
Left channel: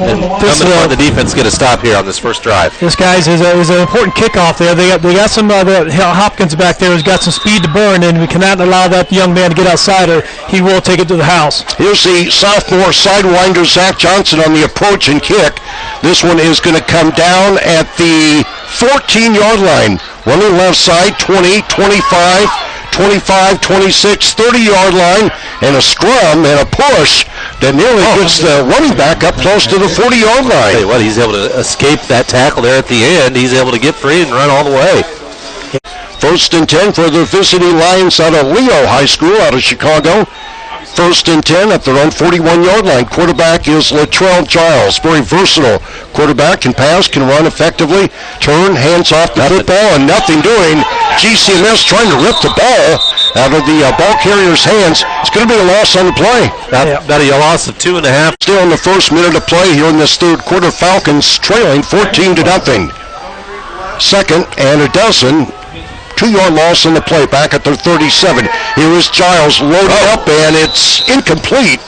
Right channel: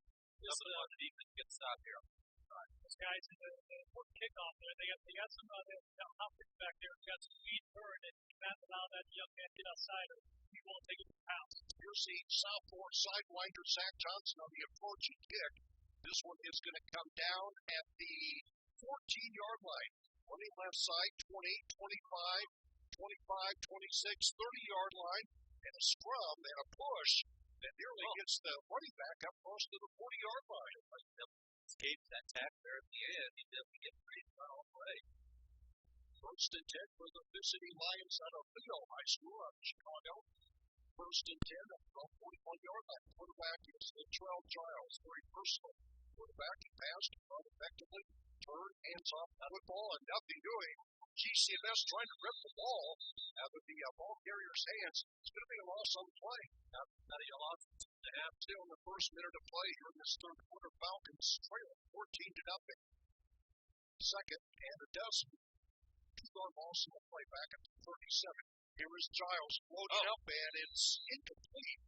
and the defense get a stop here on this first drive. This, guys, is an important kickoff there. They got some Hopkins back there who's got some speed to burn, and we cannot allow that young man to get outside, or he will take it to the house. Here's the sophomore sidewinder, Zach Johnson, on the approach and kick. This one is going to come down at the 14-yard line. Running left side, 20, 25, 25, 26, 30-yard line, and a scrum and a push that nearly gets the running back up close to the 40-yard line. Hey, what, he's able to escape that tackle there at the end. He's able to get free and run all the way. 1st and 10 for the visiting Lions out of Leo High School out of Chicago. First and 10 at their own 41-yard line. Quarterback is Latrell Giles. Very versatile quarterback. Can pass, can run effectively. Turn, hands off the football, and nothing doing. GCMS trying to rip the ball out of the ball carrier's hands. It's going to be a loss on the play. About a loss of 2.5. Still in the first minute of play here in this third quarter. Falcons trailing 14-0. Second and a dozen. 2-yard loss on the play, back at their 37. Here is Giles loaded up, and it's incomplete.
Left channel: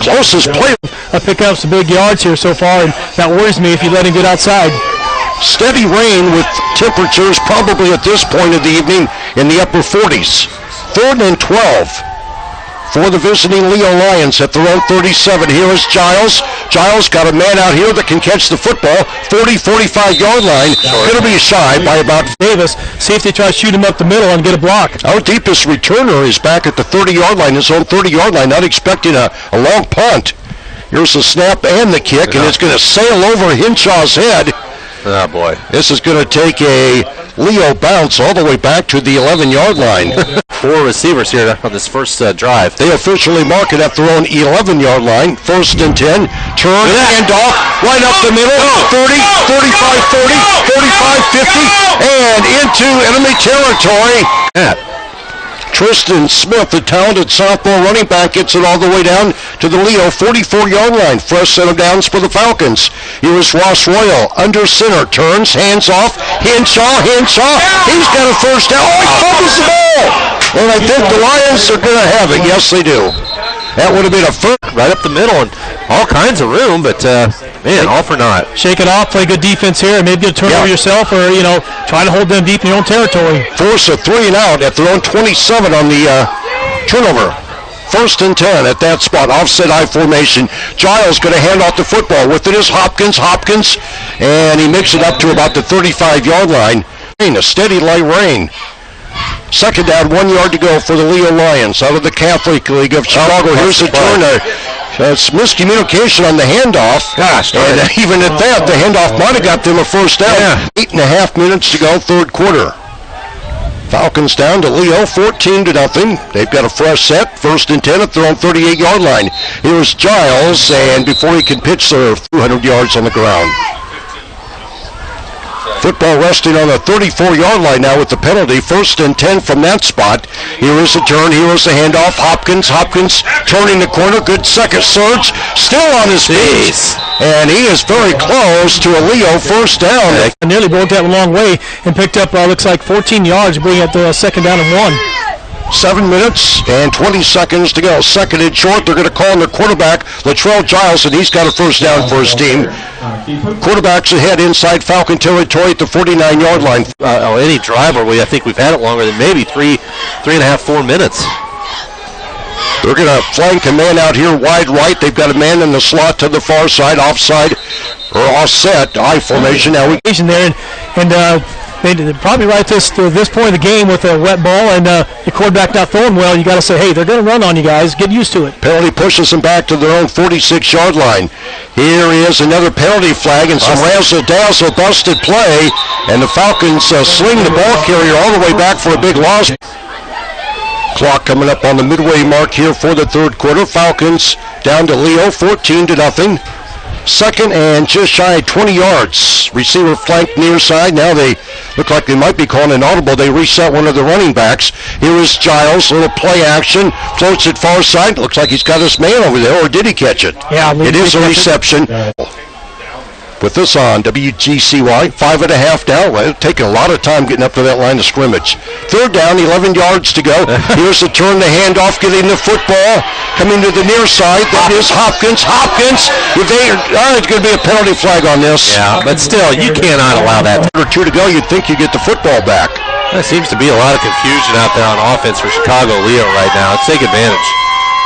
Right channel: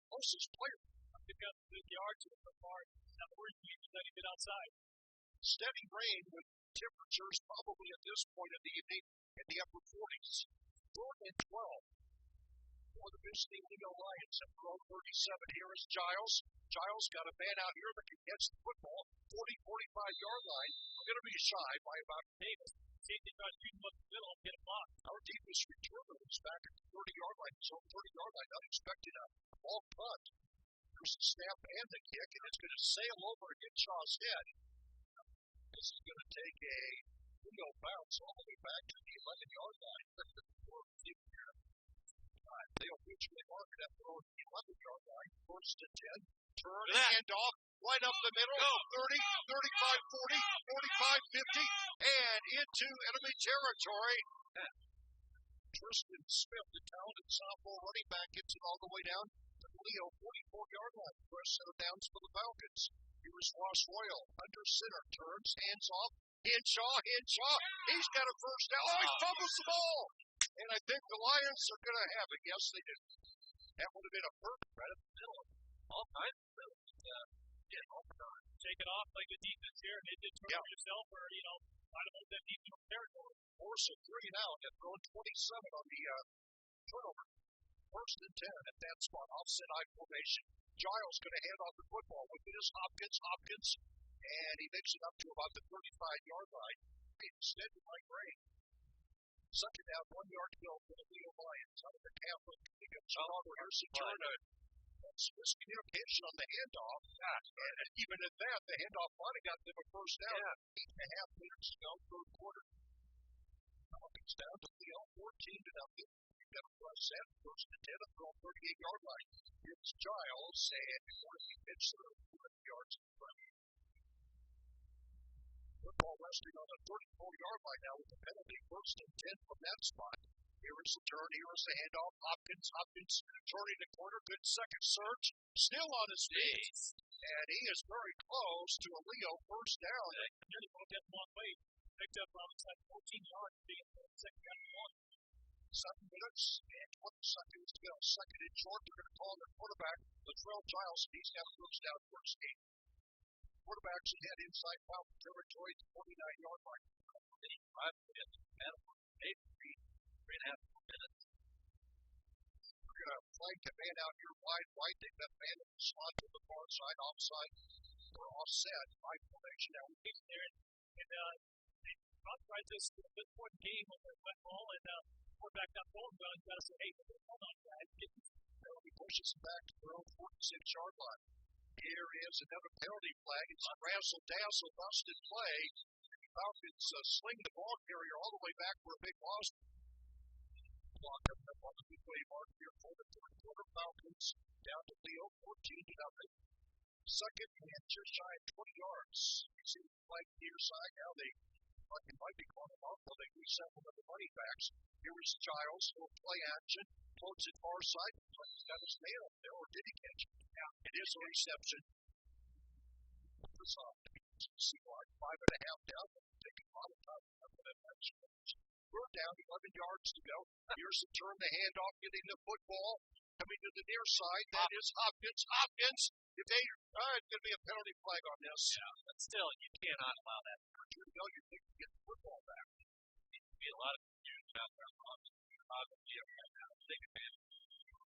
Closest play. Pick up some big yards here so far, and that worries me if you let him get outside. Steady rain with temperatures probably at this point of the evening in the upper 40s. Third and 12 for the visiting Leo Lions at their own 37. Here is Giles. Giles got a man out here that can catch the football. 45-yard line. Going to be shy by about Davis. See if they try to shoot him up the middle and get a block. Our deepest returner is back at the 30-yard line, his own 30-yard line, not expecting a long punt. Here's the snap and the kick, and it's going to sail over Hinshaw's head. Oh, boy. This is going to take a Leo bounce all the way back to the 11-yard line. 4 receivers here on this first drive. They officially mark it at their own 11-yard line. First and 10. Turn, handoff, right up the middle. 30, 35, 40, 45, 50, and into enemy territory. Tristan Smith, the talented sophomore running back, gets it all the way down to the Leo 44-yard line. Fresh set of downs for the Falcons. Here is Ross Royal, under center, turns, hands off, Henshaw, he's got a first down. Oh, he fumbles the ball! And I think the Lions are going to have it. Yes, they do. That would have been a first. Right up the middle and all kinds of room, but man, all for naught. Shake it off, play good defense here, and maybe get a turnover yourself, or try to hold them deep in your own territory. Force a 3 and out at their own 27 on the turnover. First and 10 at that spot, offset I formation. Giles going to hand off the football. With it is Hopkins, and he makes it up to about the 35-yard line. A steady light rain. Second down, 1 yard to go for the Leo Lions out of the Catholic League of Chicago. Here's a turn. It's miscommunication on the handoff. Gosh, and even at that, the handoff might have got them a first down. 8.5 minutes to go, third quarter. Falcons down to Leo, 14-0. They've got a fresh set, first and 10 at their own 38-yard line. Here's Giles, and before he can pitch, they're 200 yards on the ground. Football resting on the 34-yard line now with the penalty. First and 10 from that spot. Here is a turn. Here is a handoff. Hopkins turning the corner. Good second surge. Still on his feet. And he is very close to a Leo first down. Nearly broke that a long way and picked up, looks like 14 yards, bringing up the second down and 1. 7 minutes and 20 seconds to go. Second and short. They're going to call on the quarterback, Latrell Giles, and he's got a first down for his team. Quarterback's ahead inside Falcon territory at the 49-yard line. Any drive where I think we've had it longer than maybe 3.5, 4 minutes. They're going to flank a man out here wide right. They've got a man in the slot to the far side, offside or offset, I formation. Now there, and they probably right to this point of the game with a wet ball and the quarterback not throwing well. You got to say, hey, they're going to run on you guys. Get used to it. Penalty pushes them back to their own 46-yard line. Here is another penalty flag and some razzle-dazzle busted play, and the Falcons sling the ball carrier all the way back for a big loss. Clock coming up on the midway mark here for the third quarter. Falcons down to Leo, 14-0. Second and just shy of 20 yards. Receiver flanked near side. Now they look like they might be calling an audible. They reset one of the running backs. Here is Giles. Little play action. Floats it far side. Looks like he's got his man over there, or did he catch it? Yeah, it is a reception. With this on WGCY, 5.5 down. Well, taking a lot of time getting up to that line of scrimmage. Third down, 11 yards to go. Here's the turn, the handoff, getting the football. Coming to the near side, that is Hopkins. It's going to be a penalty flag on this. Yeah, but still, you cannot allow that. Or 2 to go, you'd think you get the football back. There seems to be a lot of confusion out there on offense for Chicago Leo right now. Let's take advantage.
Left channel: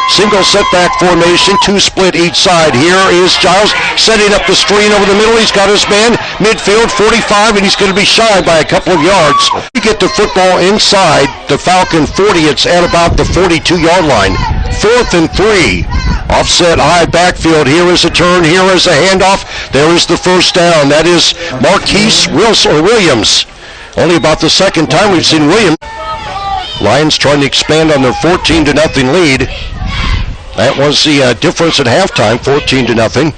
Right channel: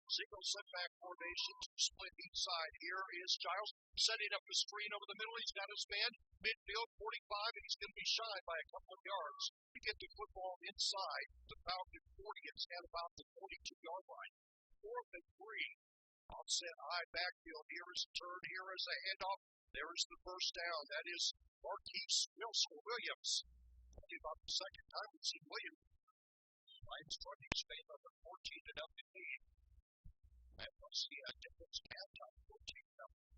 Single setback formation, 2 split each side. Here is Giles setting up the screen over the middle. He's got his man midfield, 45, and he's going to be shy by a couple of yards. You get the football inside the Falcon 40. It's at about the 42-yard line. 4th and 3. Offset high backfield. Here is a turn. Here is a handoff. There is the first down. That is Marquise Williams. Only about the second time we've seen Williams. Lions trying to expand on their 14-0 lead. That was the difference at halftime, 14-0.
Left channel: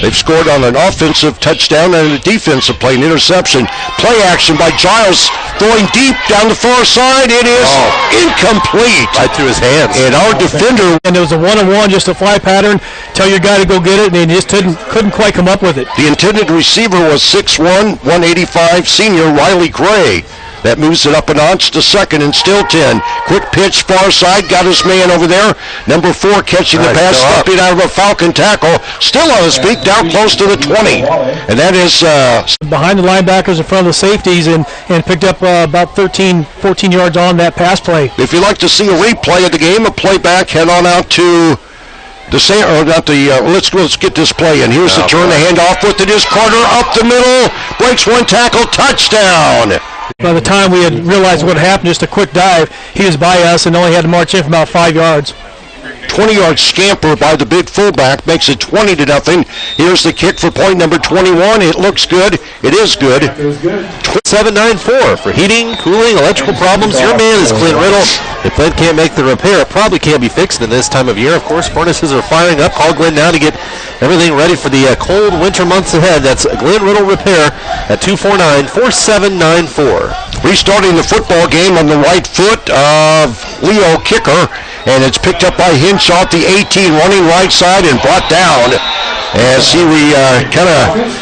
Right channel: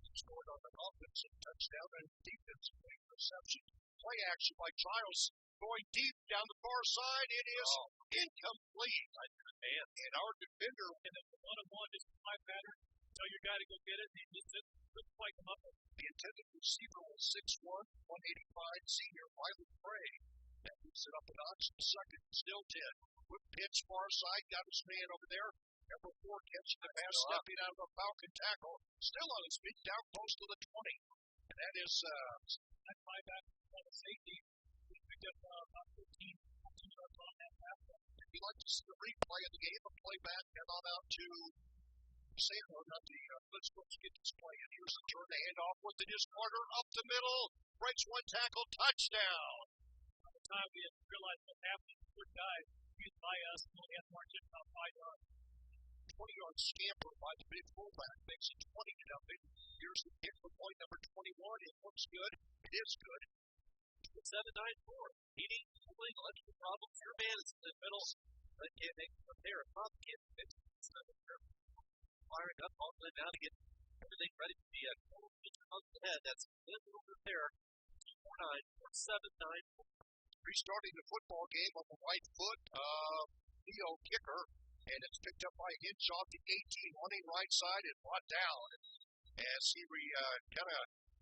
They've scored on an offensive touchdown and a defensive play, an interception. Play action by Giles, throwing deep down the far side. It is incomplete. Right through his hands. And our defender. And it was a one-on-one, just a fly pattern. Tell your guy to go get it, and he just couldn't quite come up with it. The intended receiver was 6'1", 185, senior Riley Gray. That moves it up a notch to second and still 10. Quick pitch, far side, got his man over there. Number 4 catching the pass, stepping out of a Falcon tackle. Still on his feet, down close to the 20. And that is... behind the linebackers in front of the safeties and picked up about 13, 14 yards on that pass play. If you'd like to see a replay of the game, a playback, head on out to... let's get this play in. Here's the turn, the handoff with it is Carter up the middle, breaks one tackle, touchdown. By the time we had realized what happened, just a quick dive, he was by us and only had to march in for about 5 yards. 20-yard scamper by the big fullback makes it 20-0. Here's the kick for point number 21. It looks good. It is good. 794 for heating, cooling, electrical problems. Your man is Clint Riddle. If Clint can't make the repair, it probably can't be fixed in this time of year. Of course, furnaces are firing up. Call Glenn now to get everything ready for the cold winter months ahead. That's Glenn Riddle Repair at 249-4794. Restarting the football game on the right foot of Leo Kicker, and it's picked up by Hinshaw at the 18, running right side and brought down as he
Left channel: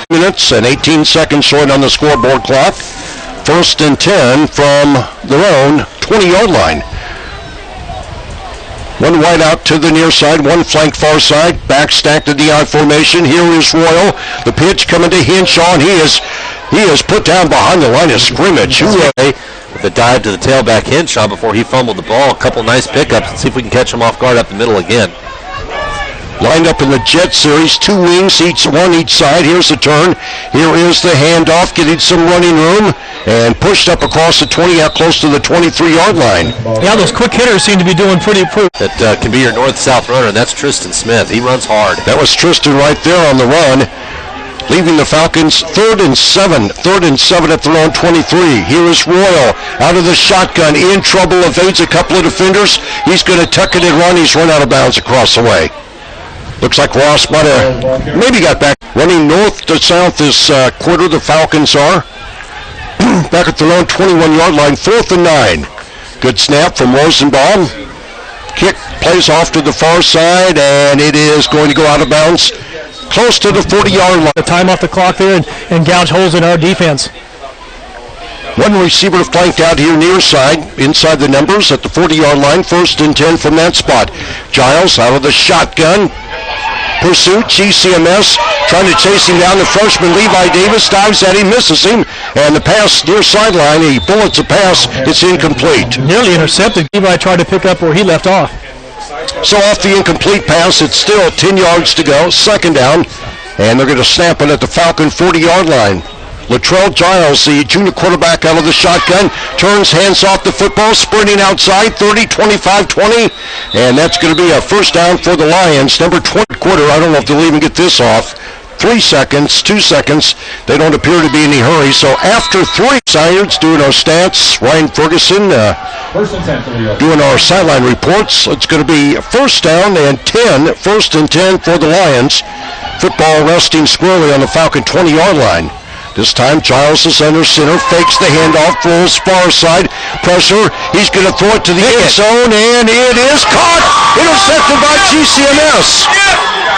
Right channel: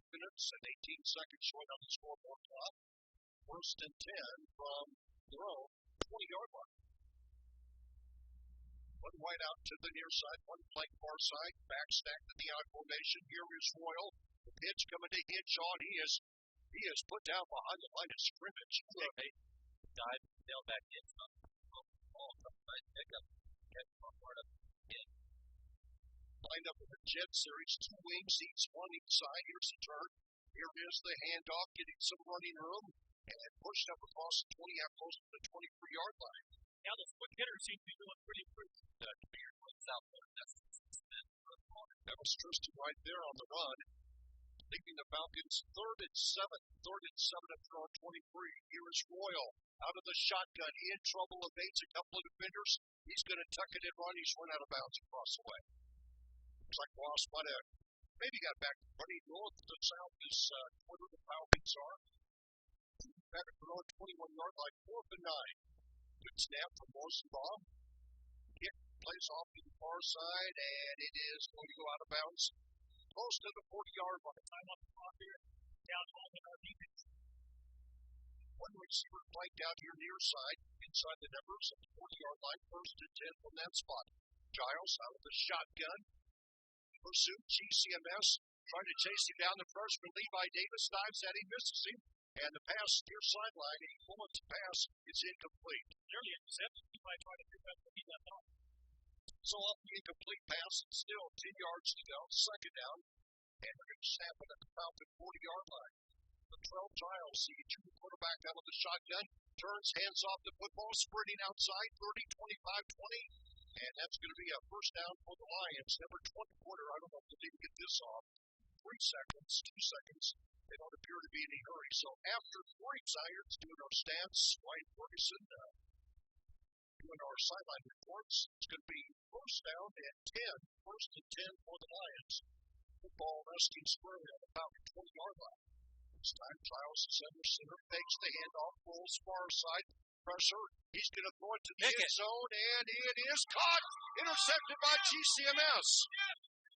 minutes and 18 seconds short on the scoreboard clock. 1st and 10 from their own 20-yard line. One wide out to the near side, one flank far side, back stacked to the I formation. Here is Royal. The pitch coming to Hinshaw, and he is put down behind the line of scrimmage. With a dive to the tailback Hinshaw before he fumbled the ball. A couple nice pickups. Let's see if we can catch him off guard up the middle again. Lined up in the jet series, 2 wings, one each side. Here's the turn. Here is the handoff, getting some running room, and pushed up across the 20, out close to the 23-yard line. Yeah, those quick hitters seem to be doing pretty. That can be your north-south runner, and that's Tristan Smith. He runs hard. That was Tristan right there on the run, leaving the Falcons 3rd and 7 at their own 23. Here is Royal out of the shotgun, in trouble, evades a couple of defenders. He's going to tuck it and run. He's run out of bounds across the way. Looks like Ross might have maybe got back. Running north to south this quarter, the Falcons are. Back at their own 21-yard line, 4th and 9. Good snap from Rosenbaum. Kick plays off to the far side, and it is going to go out of bounds close to the 40-yard line. The time off the clock there and gouge holes in our defense. One receiver flanked out here near side, inside the numbers at the 40-yard line, 1st and 10 from that spot. Giles out of the shotgun. Pursuit, GCMS trying to chase him down. The freshman Levi Davis dives at him, misses him, and the pass near sideline, he bullets a pass, it's incomplete. Nearly intercepted. Levi tried to pick up where he left off. So off the incomplete pass, it's still 10 yards to go, 2nd down, and they're going to snap it at the Falcon 40-yard line. Latrell Giles, the junior quarterback out of the shotgun, turns, hands off the football, sprinting outside, 30, 25, 20, and that's going to be a 1st down for the Lions. Number 20 quarter, I don't know if they'll even get this off. 3 seconds, 2 seconds. They don't appear to be in any hurry. So after 3, Sires doing our stats, Ryan Ferguson doing our sideline reports. It's going to be 1st down and 10, 1st and 10 for the Lions. Football resting squarely on the Falcon 20-yard line. This time, Giles is under center, fakes the handoff, throws far side, pressure. He's going to throw it to the end zone, and it is caught. Intercepted by GCMS.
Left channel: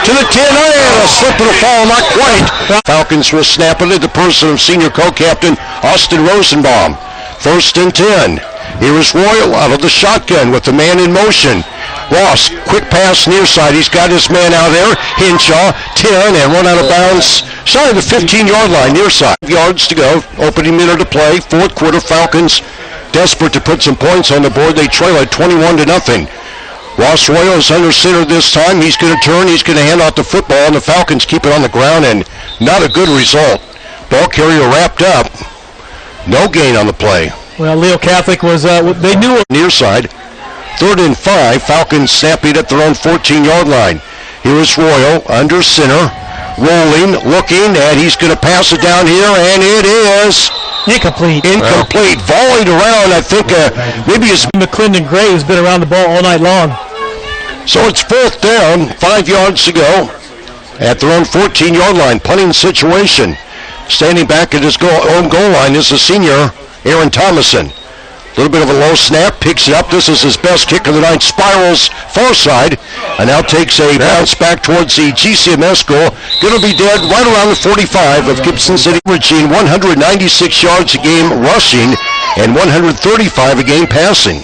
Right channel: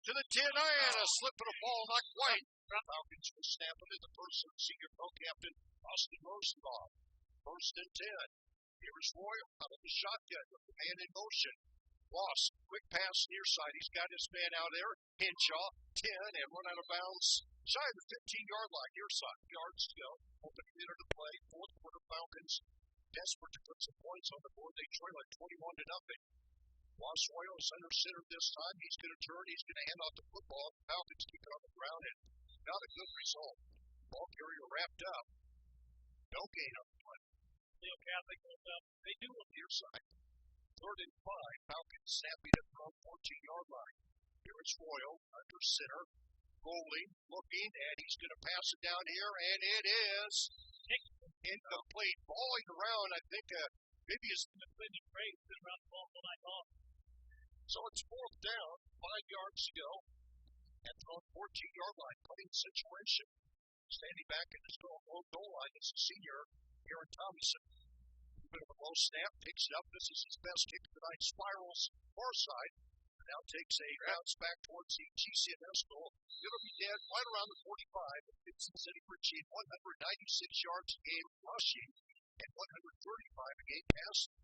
To the 10, and a slip and a fall, not quite. Falcons will snap it at the person of senior co-captain Austin Rosenbaum. 1st and 10. Here is Royal out of the shotgun with the man in motion. Ross, quick pass near side. He's got his man out there. Hinshaw, 10, and run out of bounds. Shy of the 15-yard line, near side. 5 yards to go. Opening minute to play. 4th quarter, Falcons desperate to put some points on the board. They trail at 21-0. Ross Royal is under center this time. He's going to turn. He's going to hand out the football, and the Falcons keep it on the ground, and not a good result. Ball carrier wrapped up. No gain on the play. Well, Leo Catholic was, they knew it. Near side. 3rd and 5. Falcons snapping at their own 14-yard line. Here is Royal under center. Rolling, looking, and he's going to pass it down here, and it is incomplete. Volleyed around, I think maybe it's McClendon Gray has been around the ball all night long. So it's 4th down, 5 yards to go at their own 14-yard line. Punting situation. Standing back at his own goal line is the senior, Aaron Thomason. A little bit of a low snap, picks it up. This is his best kick of the night. Spirals far side, and now takes a bounce back towards the GCMS goal. Going to be dead right around the 45 of Gibson City. Averaging 196 yards a game rushing and 135 a game passing.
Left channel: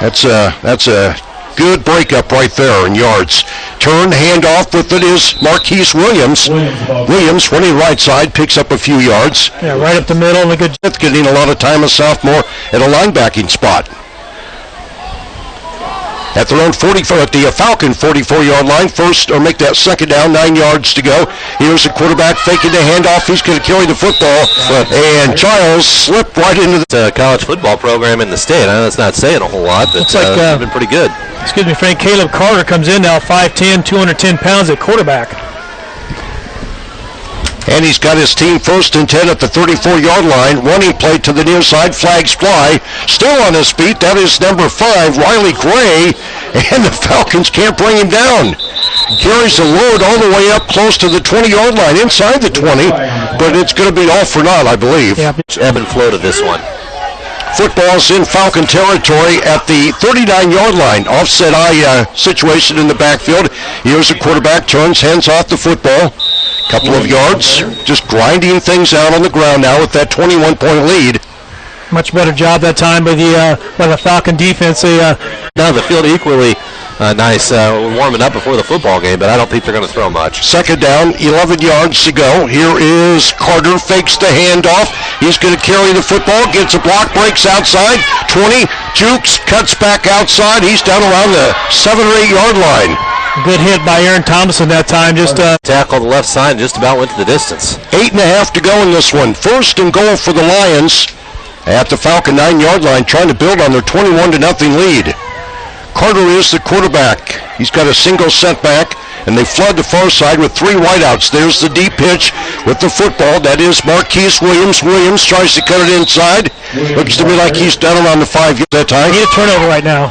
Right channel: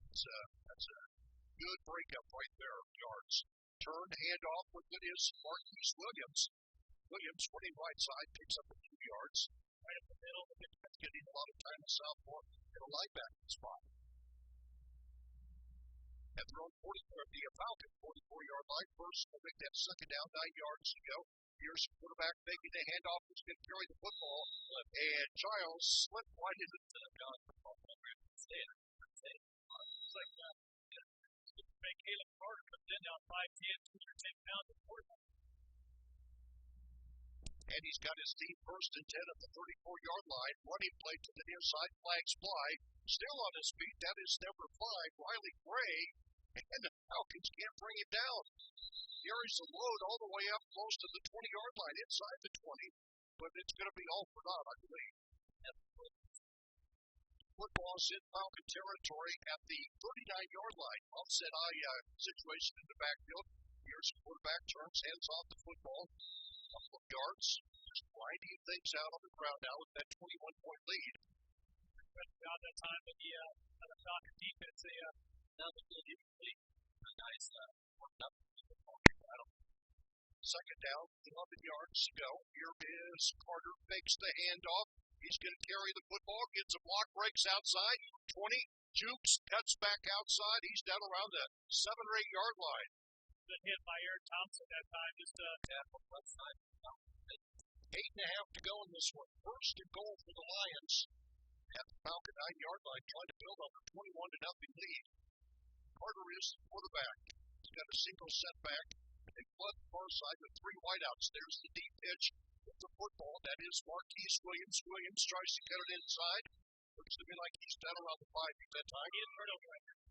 That's a good breakup right there in yards. Turn, handoff with it is Marquise Williams. Williams running right side, picks up a few yards. Yeah, right up the middle. And a good getting a lot of time, a sophomore at a linebacking spot. At their own 44, at the Falcon 44-yard line, make that 2nd down, 9 yards to go. Here's the quarterback faking the handoff. He's going to carry the football, and Giles slipped right into the college football program in the state. I know that's not saying a whole lot, but it's been pretty good. Excuse me, Frank. Caleb Carter comes in now, 5'10", 210 pounds at quarterback. And he's got his team 1st and 10 at the 34-yard line. Running play to the near side. Flags fly. Still on his feet. That is number 5, Riley Gray. And the Falcons can't bring him down. Carries the load all the way up close to the 20-yard line. Inside the 20. But it's going to be all for naught, I believe. Yeah. Ebb and flow to this one. Football's in Falcon territory at the 39-yard line. Offset eye situation in the backfield. Here's the quarterback. Turns, hands off the football. Couple of yards, just grinding things out on the ground now with that 21-point lead. Much better job that time by the Falcon defense. Now the field equally nice warming up before the football game, but I don't think they're going to throw much. 2nd down, 11 yards to go. Here is Carter, fakes the handoff. He's going to carry the football, gets a block, breaks outside, 20, jukes, cuts back outside. He's down around the 7 or 8 yard line. Good hit by Aaron Thomason that time. Just tackle the left side, just about went to the distance. 8.5 to go in this one. 1st and goal for the Lions at the Falcon 9-yard line, trying to build on their 21-0 lead. Carter is the quarterback. He's got a single setback, and they flood the far side with 3 wideouts. There's the deep pitch with the football. That is Marquise Williams. Williams tries to cut it inside. Looks to me like he's down around the 5 that time. Need a turnover right now.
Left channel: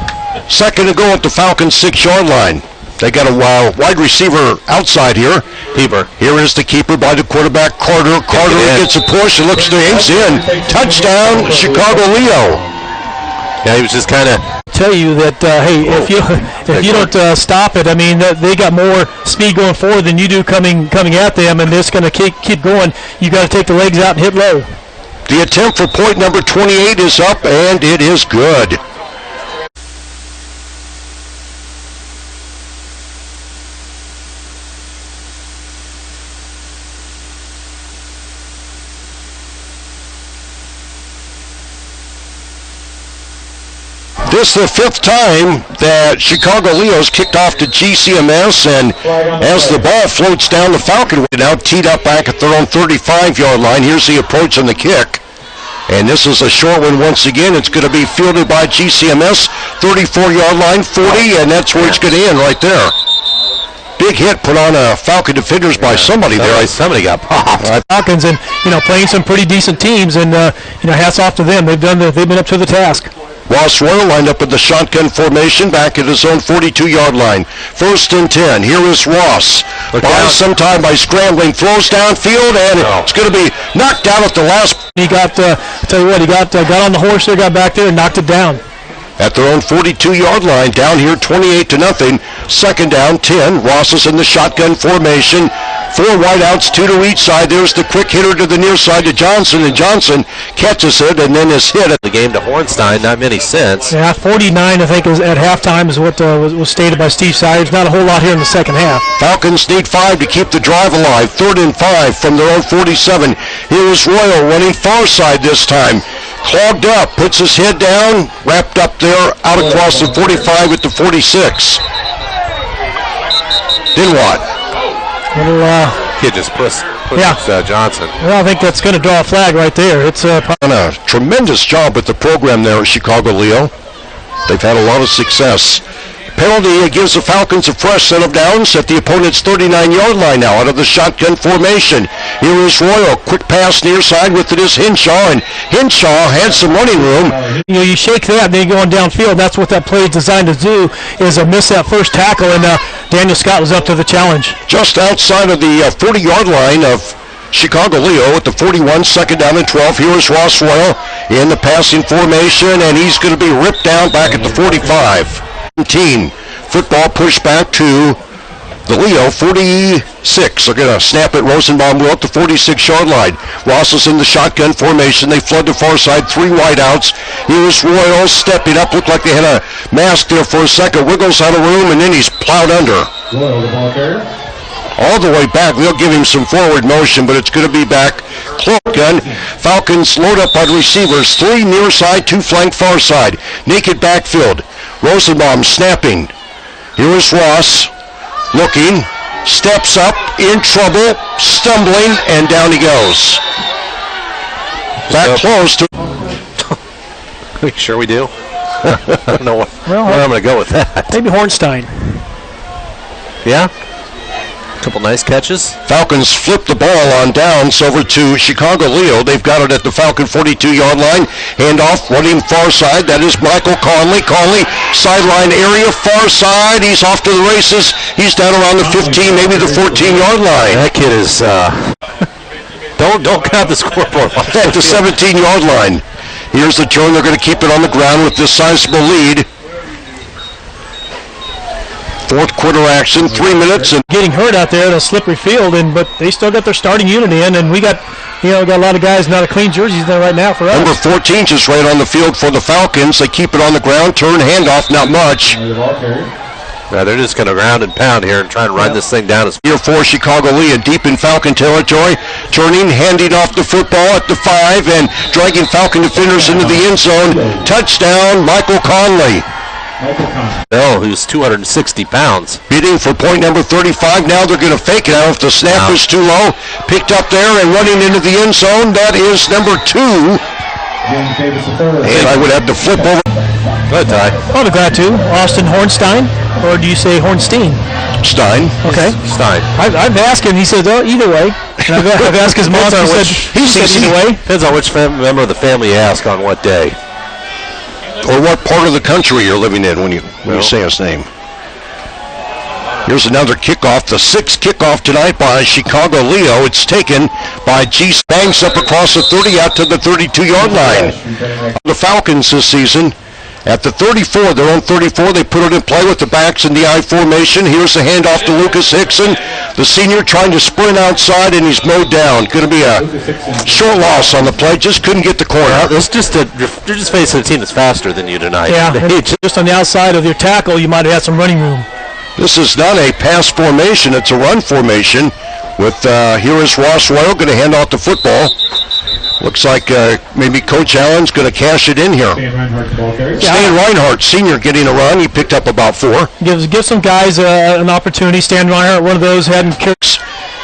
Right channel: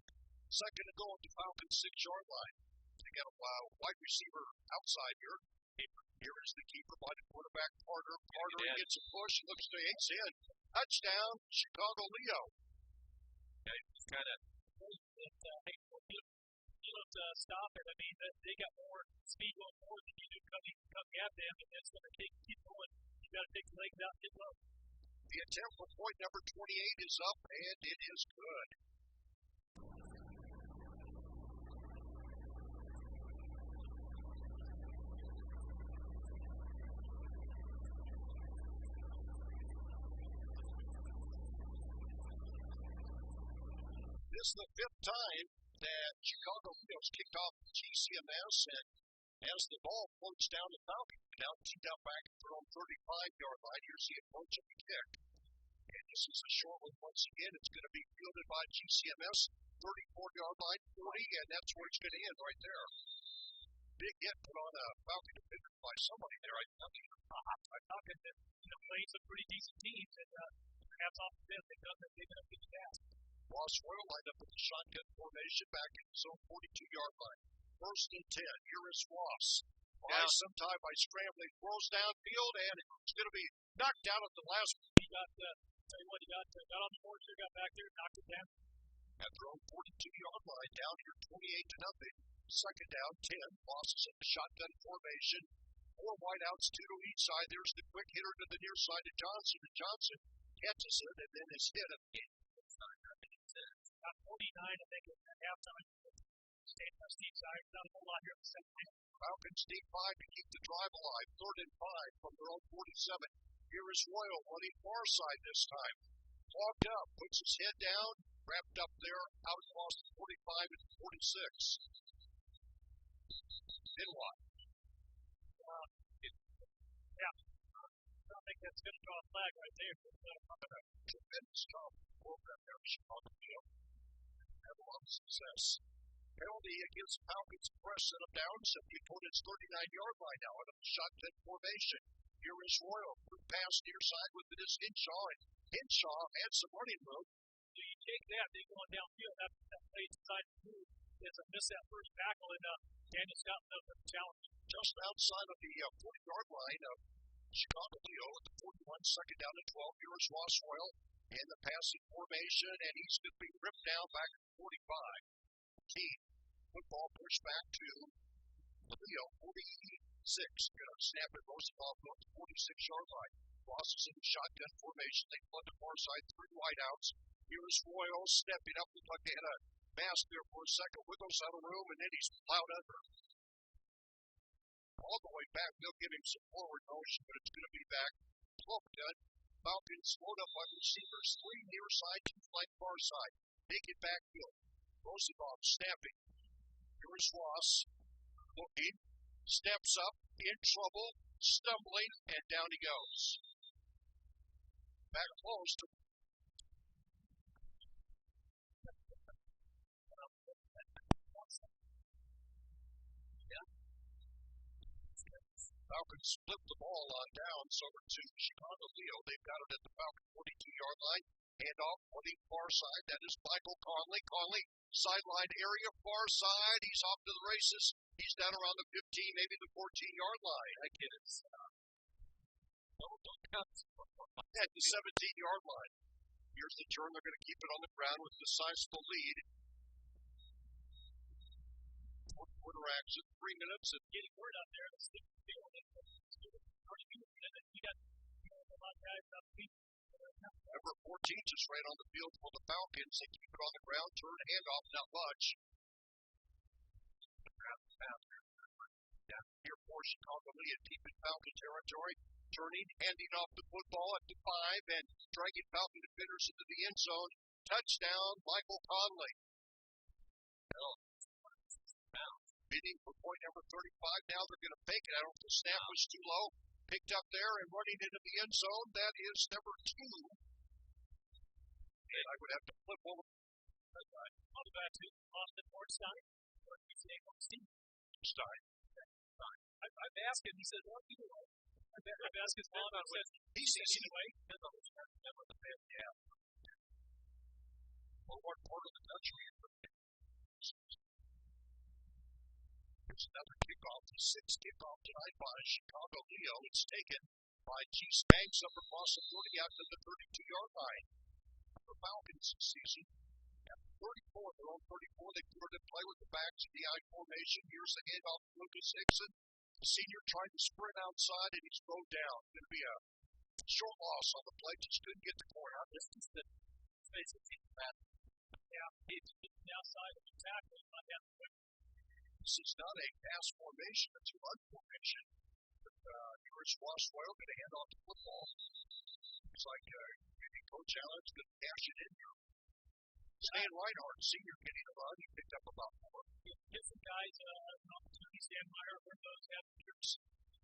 2nd to go at the Falcon 6-yard line. They got a wide receiver outside here. Keeper. Here is the keeper by the quarterback, Carter. Carter gets a push and looks to aims in. Touchdown, Chicago Leo. Yeah, he was just kind of tell you that hey, if you don't stop it, I mean they got more speed going forward than you do coming at them, and it's going to keep going. You got to take the legs out and hit low. The attempt for point number 28 is up, and it is good. This is the 5th time that Chicago Leo's kicked off to GCMS, and as the ball floats down, the Falcon now teed up back at their own 35-yard line. Here's the approach on the kick. And this is a short one once again. It's going to be fielded by GCMS, 34-yard line, 40, and that's where it's going to end right there. Big hit put on Falcon defenders by somebody there. Somebody got popped. Falcons, and playing some pretty decent teams, and hats off to them. They've been up to the task. Ross Royal lined up with the shotgun formation back at his own 42-yard line. 1st and 10. Here is Ross. Buys some time by scrambling, throws downfield, and it's going to be knocked down at the last. He got, I tell you what, he got on the horse there, got back there, and knocked it down. At their own 42-yard line, down here 28-0. 2nd down, 10. Ross is in the shotgun formation. 4 wideouts, 2 to each side. There's the quick hitter to the near side to Johnson, and Johnson catches it and then is hit. The game to Hornstein, not many cents. Yeah, 49, I think, is at halftime is what was stated by Steve Sayers. Not a whole lot here in the 2nd half. Falcons need 5 to keep the drive alive. 3rd and 5 from their own 47. Here's Royal running far side this time. Clogged up, puts his head down, wrapped up there, out across the 45 at the 46. Then what? Kid just pushed Johnson. Well, I think that's going to draw a flag right there. It's done a tremendous job with the program there at Chicago Leo. They've had a lot of success. Penalty gives the Falcons a fresh set of downs at the opponent's 39-yard line now out of the shotgun formation. Here is Royal. Quick pass near side with it is Henshaw, and Henshaw had some running room. You know, you shake that, then you're going downfield. That's what that play is designed to do, is miss that first tackle, and Daniel Scott was up to the challenge. Just outside of the 40-yard line of Chicago Leo at the 41, second down and 12. Here is Ross Royal in the passing formation, and he's going to be ripped down back at the 45. Football pushed back to the Leo 46. They're going to snap it. Rosenbaum will at the 46-yard line. Ross is in the shotgun formation. They flood the far side, 3 wideouts. Here's Royal stepping up. Looked like they had a mask there for a second. Wiggles out of room, and then he's plowed under. Royal, the ball carrier. All the way back. They'll give him some forward motion, but it's going to be back. Close gun. Falcons load up on receivers. 3 near side, 2 flank far side. Naked backfield. Rosenbaum snapping. Here is Ross. Looking. Steps up. In trouble. Stumbling. And down he goes. Back close to... Are you sure we do? I don't know where I'm going to go with that. Maybe Hornstein. Yeah? Couple nice catches. Falcons flip the ball on downs over to Chicago Leo. They've got it at the Falcon 42-yard line. Handoff running far side. That is Michael Conley. Conley, sideline area, far side. He's off to the races. He's down around the 15, maybe the 14-yard line. That kid is... don't count the scoreboard. At the 17-yard line. Here's the turn. They're going to keep it on the ground with this sizable lead. Fourth quarter action, 3 minutes, and Getting hurt out there in a slippery field, but they still got their starting unit in, and we got a lot of guys not a clean jerseys there right now for us. number 14 just right on the field for the Falcons. They keep it on the ground, turn, handoff, not much. The ball carrier. Yeah, they're just going to ground and pound here and try and run this thing down. Here for Chicago Leo, deep in Falcon territory, turning, handing off the football at the 5, and dragging Falcon defenders into the end zone. Touchdown, Michael Conley. Bell, who's 260 pounds. Beating for point number 35. Now they're going to fake it out if the snap is too low. Picked up there and running into the end zone. That is number 2. James Davis III. And I would have to flip over. Good, Ty. Oh, the guy too. Austin Hornstein, or do you say Hornstein? Stein. Okay. Stein. I've asked him. He said, "Oh, either way." And I've asked his mom. He said either way. Depends on which member of the family you ask on what day. Or what part of the country you're living in when you say his name. Here's another kickoff, the 6th kickoff tonight by Chicago Leo. It's taken by G. Banks up across the 30 out to the 32-yard line. The Falcons this season at the 34, their own 34, they put it in play with the backs in the I formation. Here's the handoff to Lucas Hickson, the senior trying to sprint outside, and he's mowed down. Going to be a short loss on the play. Just couldn't get the corner. You're just facing a team that's faster than you tonight. Yeah, just on the outside of your tackle, you might have had some running room. This is not a pass formation, it's a run formation. With here is Ross Royal going to hand off the football. Looks like maybe Coach Allen's going to cash it in here. Stan Reinhardt, the ball carrier. Stan Reinhardt, senior, getting a run. He picked up about 4. Give some guys an opportunity. Stan Reinhardt, one of those, hadn't carried.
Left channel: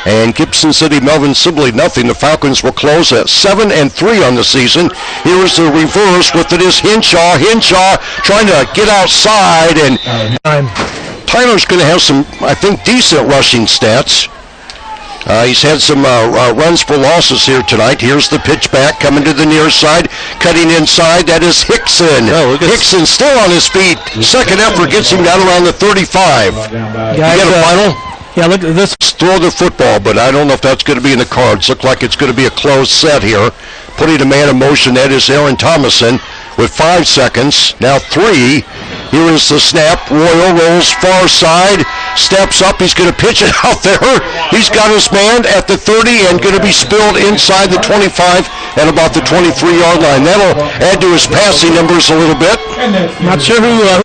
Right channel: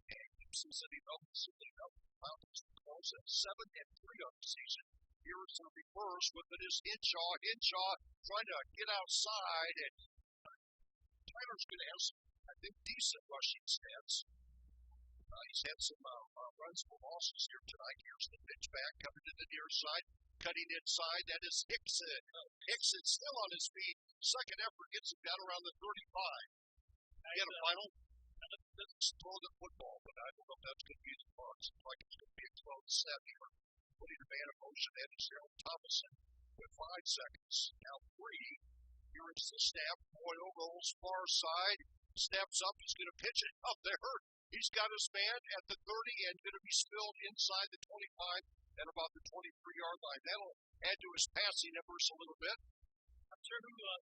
And Gibson City, Melvin-Sibley, nothing. The Falcons will close at 7-3 on the season. Here is the reverse with it is Henshaw. Henshaw trying to get outside, and Tyler's going to have some, I think, decent rushing stats. He's had some runs for losses here tonight. Here's the pitch back, coming to the near side, cutting inside. That is Hickson. Hickson still on his feet. Second effort gets him down around the 35. You get a final? Yeah, look at this. Throw the football, but I don't know if that's going to be in the cards. Look like it's going to be a close set here. Putting a man in motion, that is Aaron Thomason with 5 seconds. Now 3. Here is the snap. Royal rolls far side, steps up. He's going to pitch it out there. He's got his man at the 30 and going to be spilled inside the 25 at about the 23-yard line. That'll add to his passing numbers a little bit. Not sure who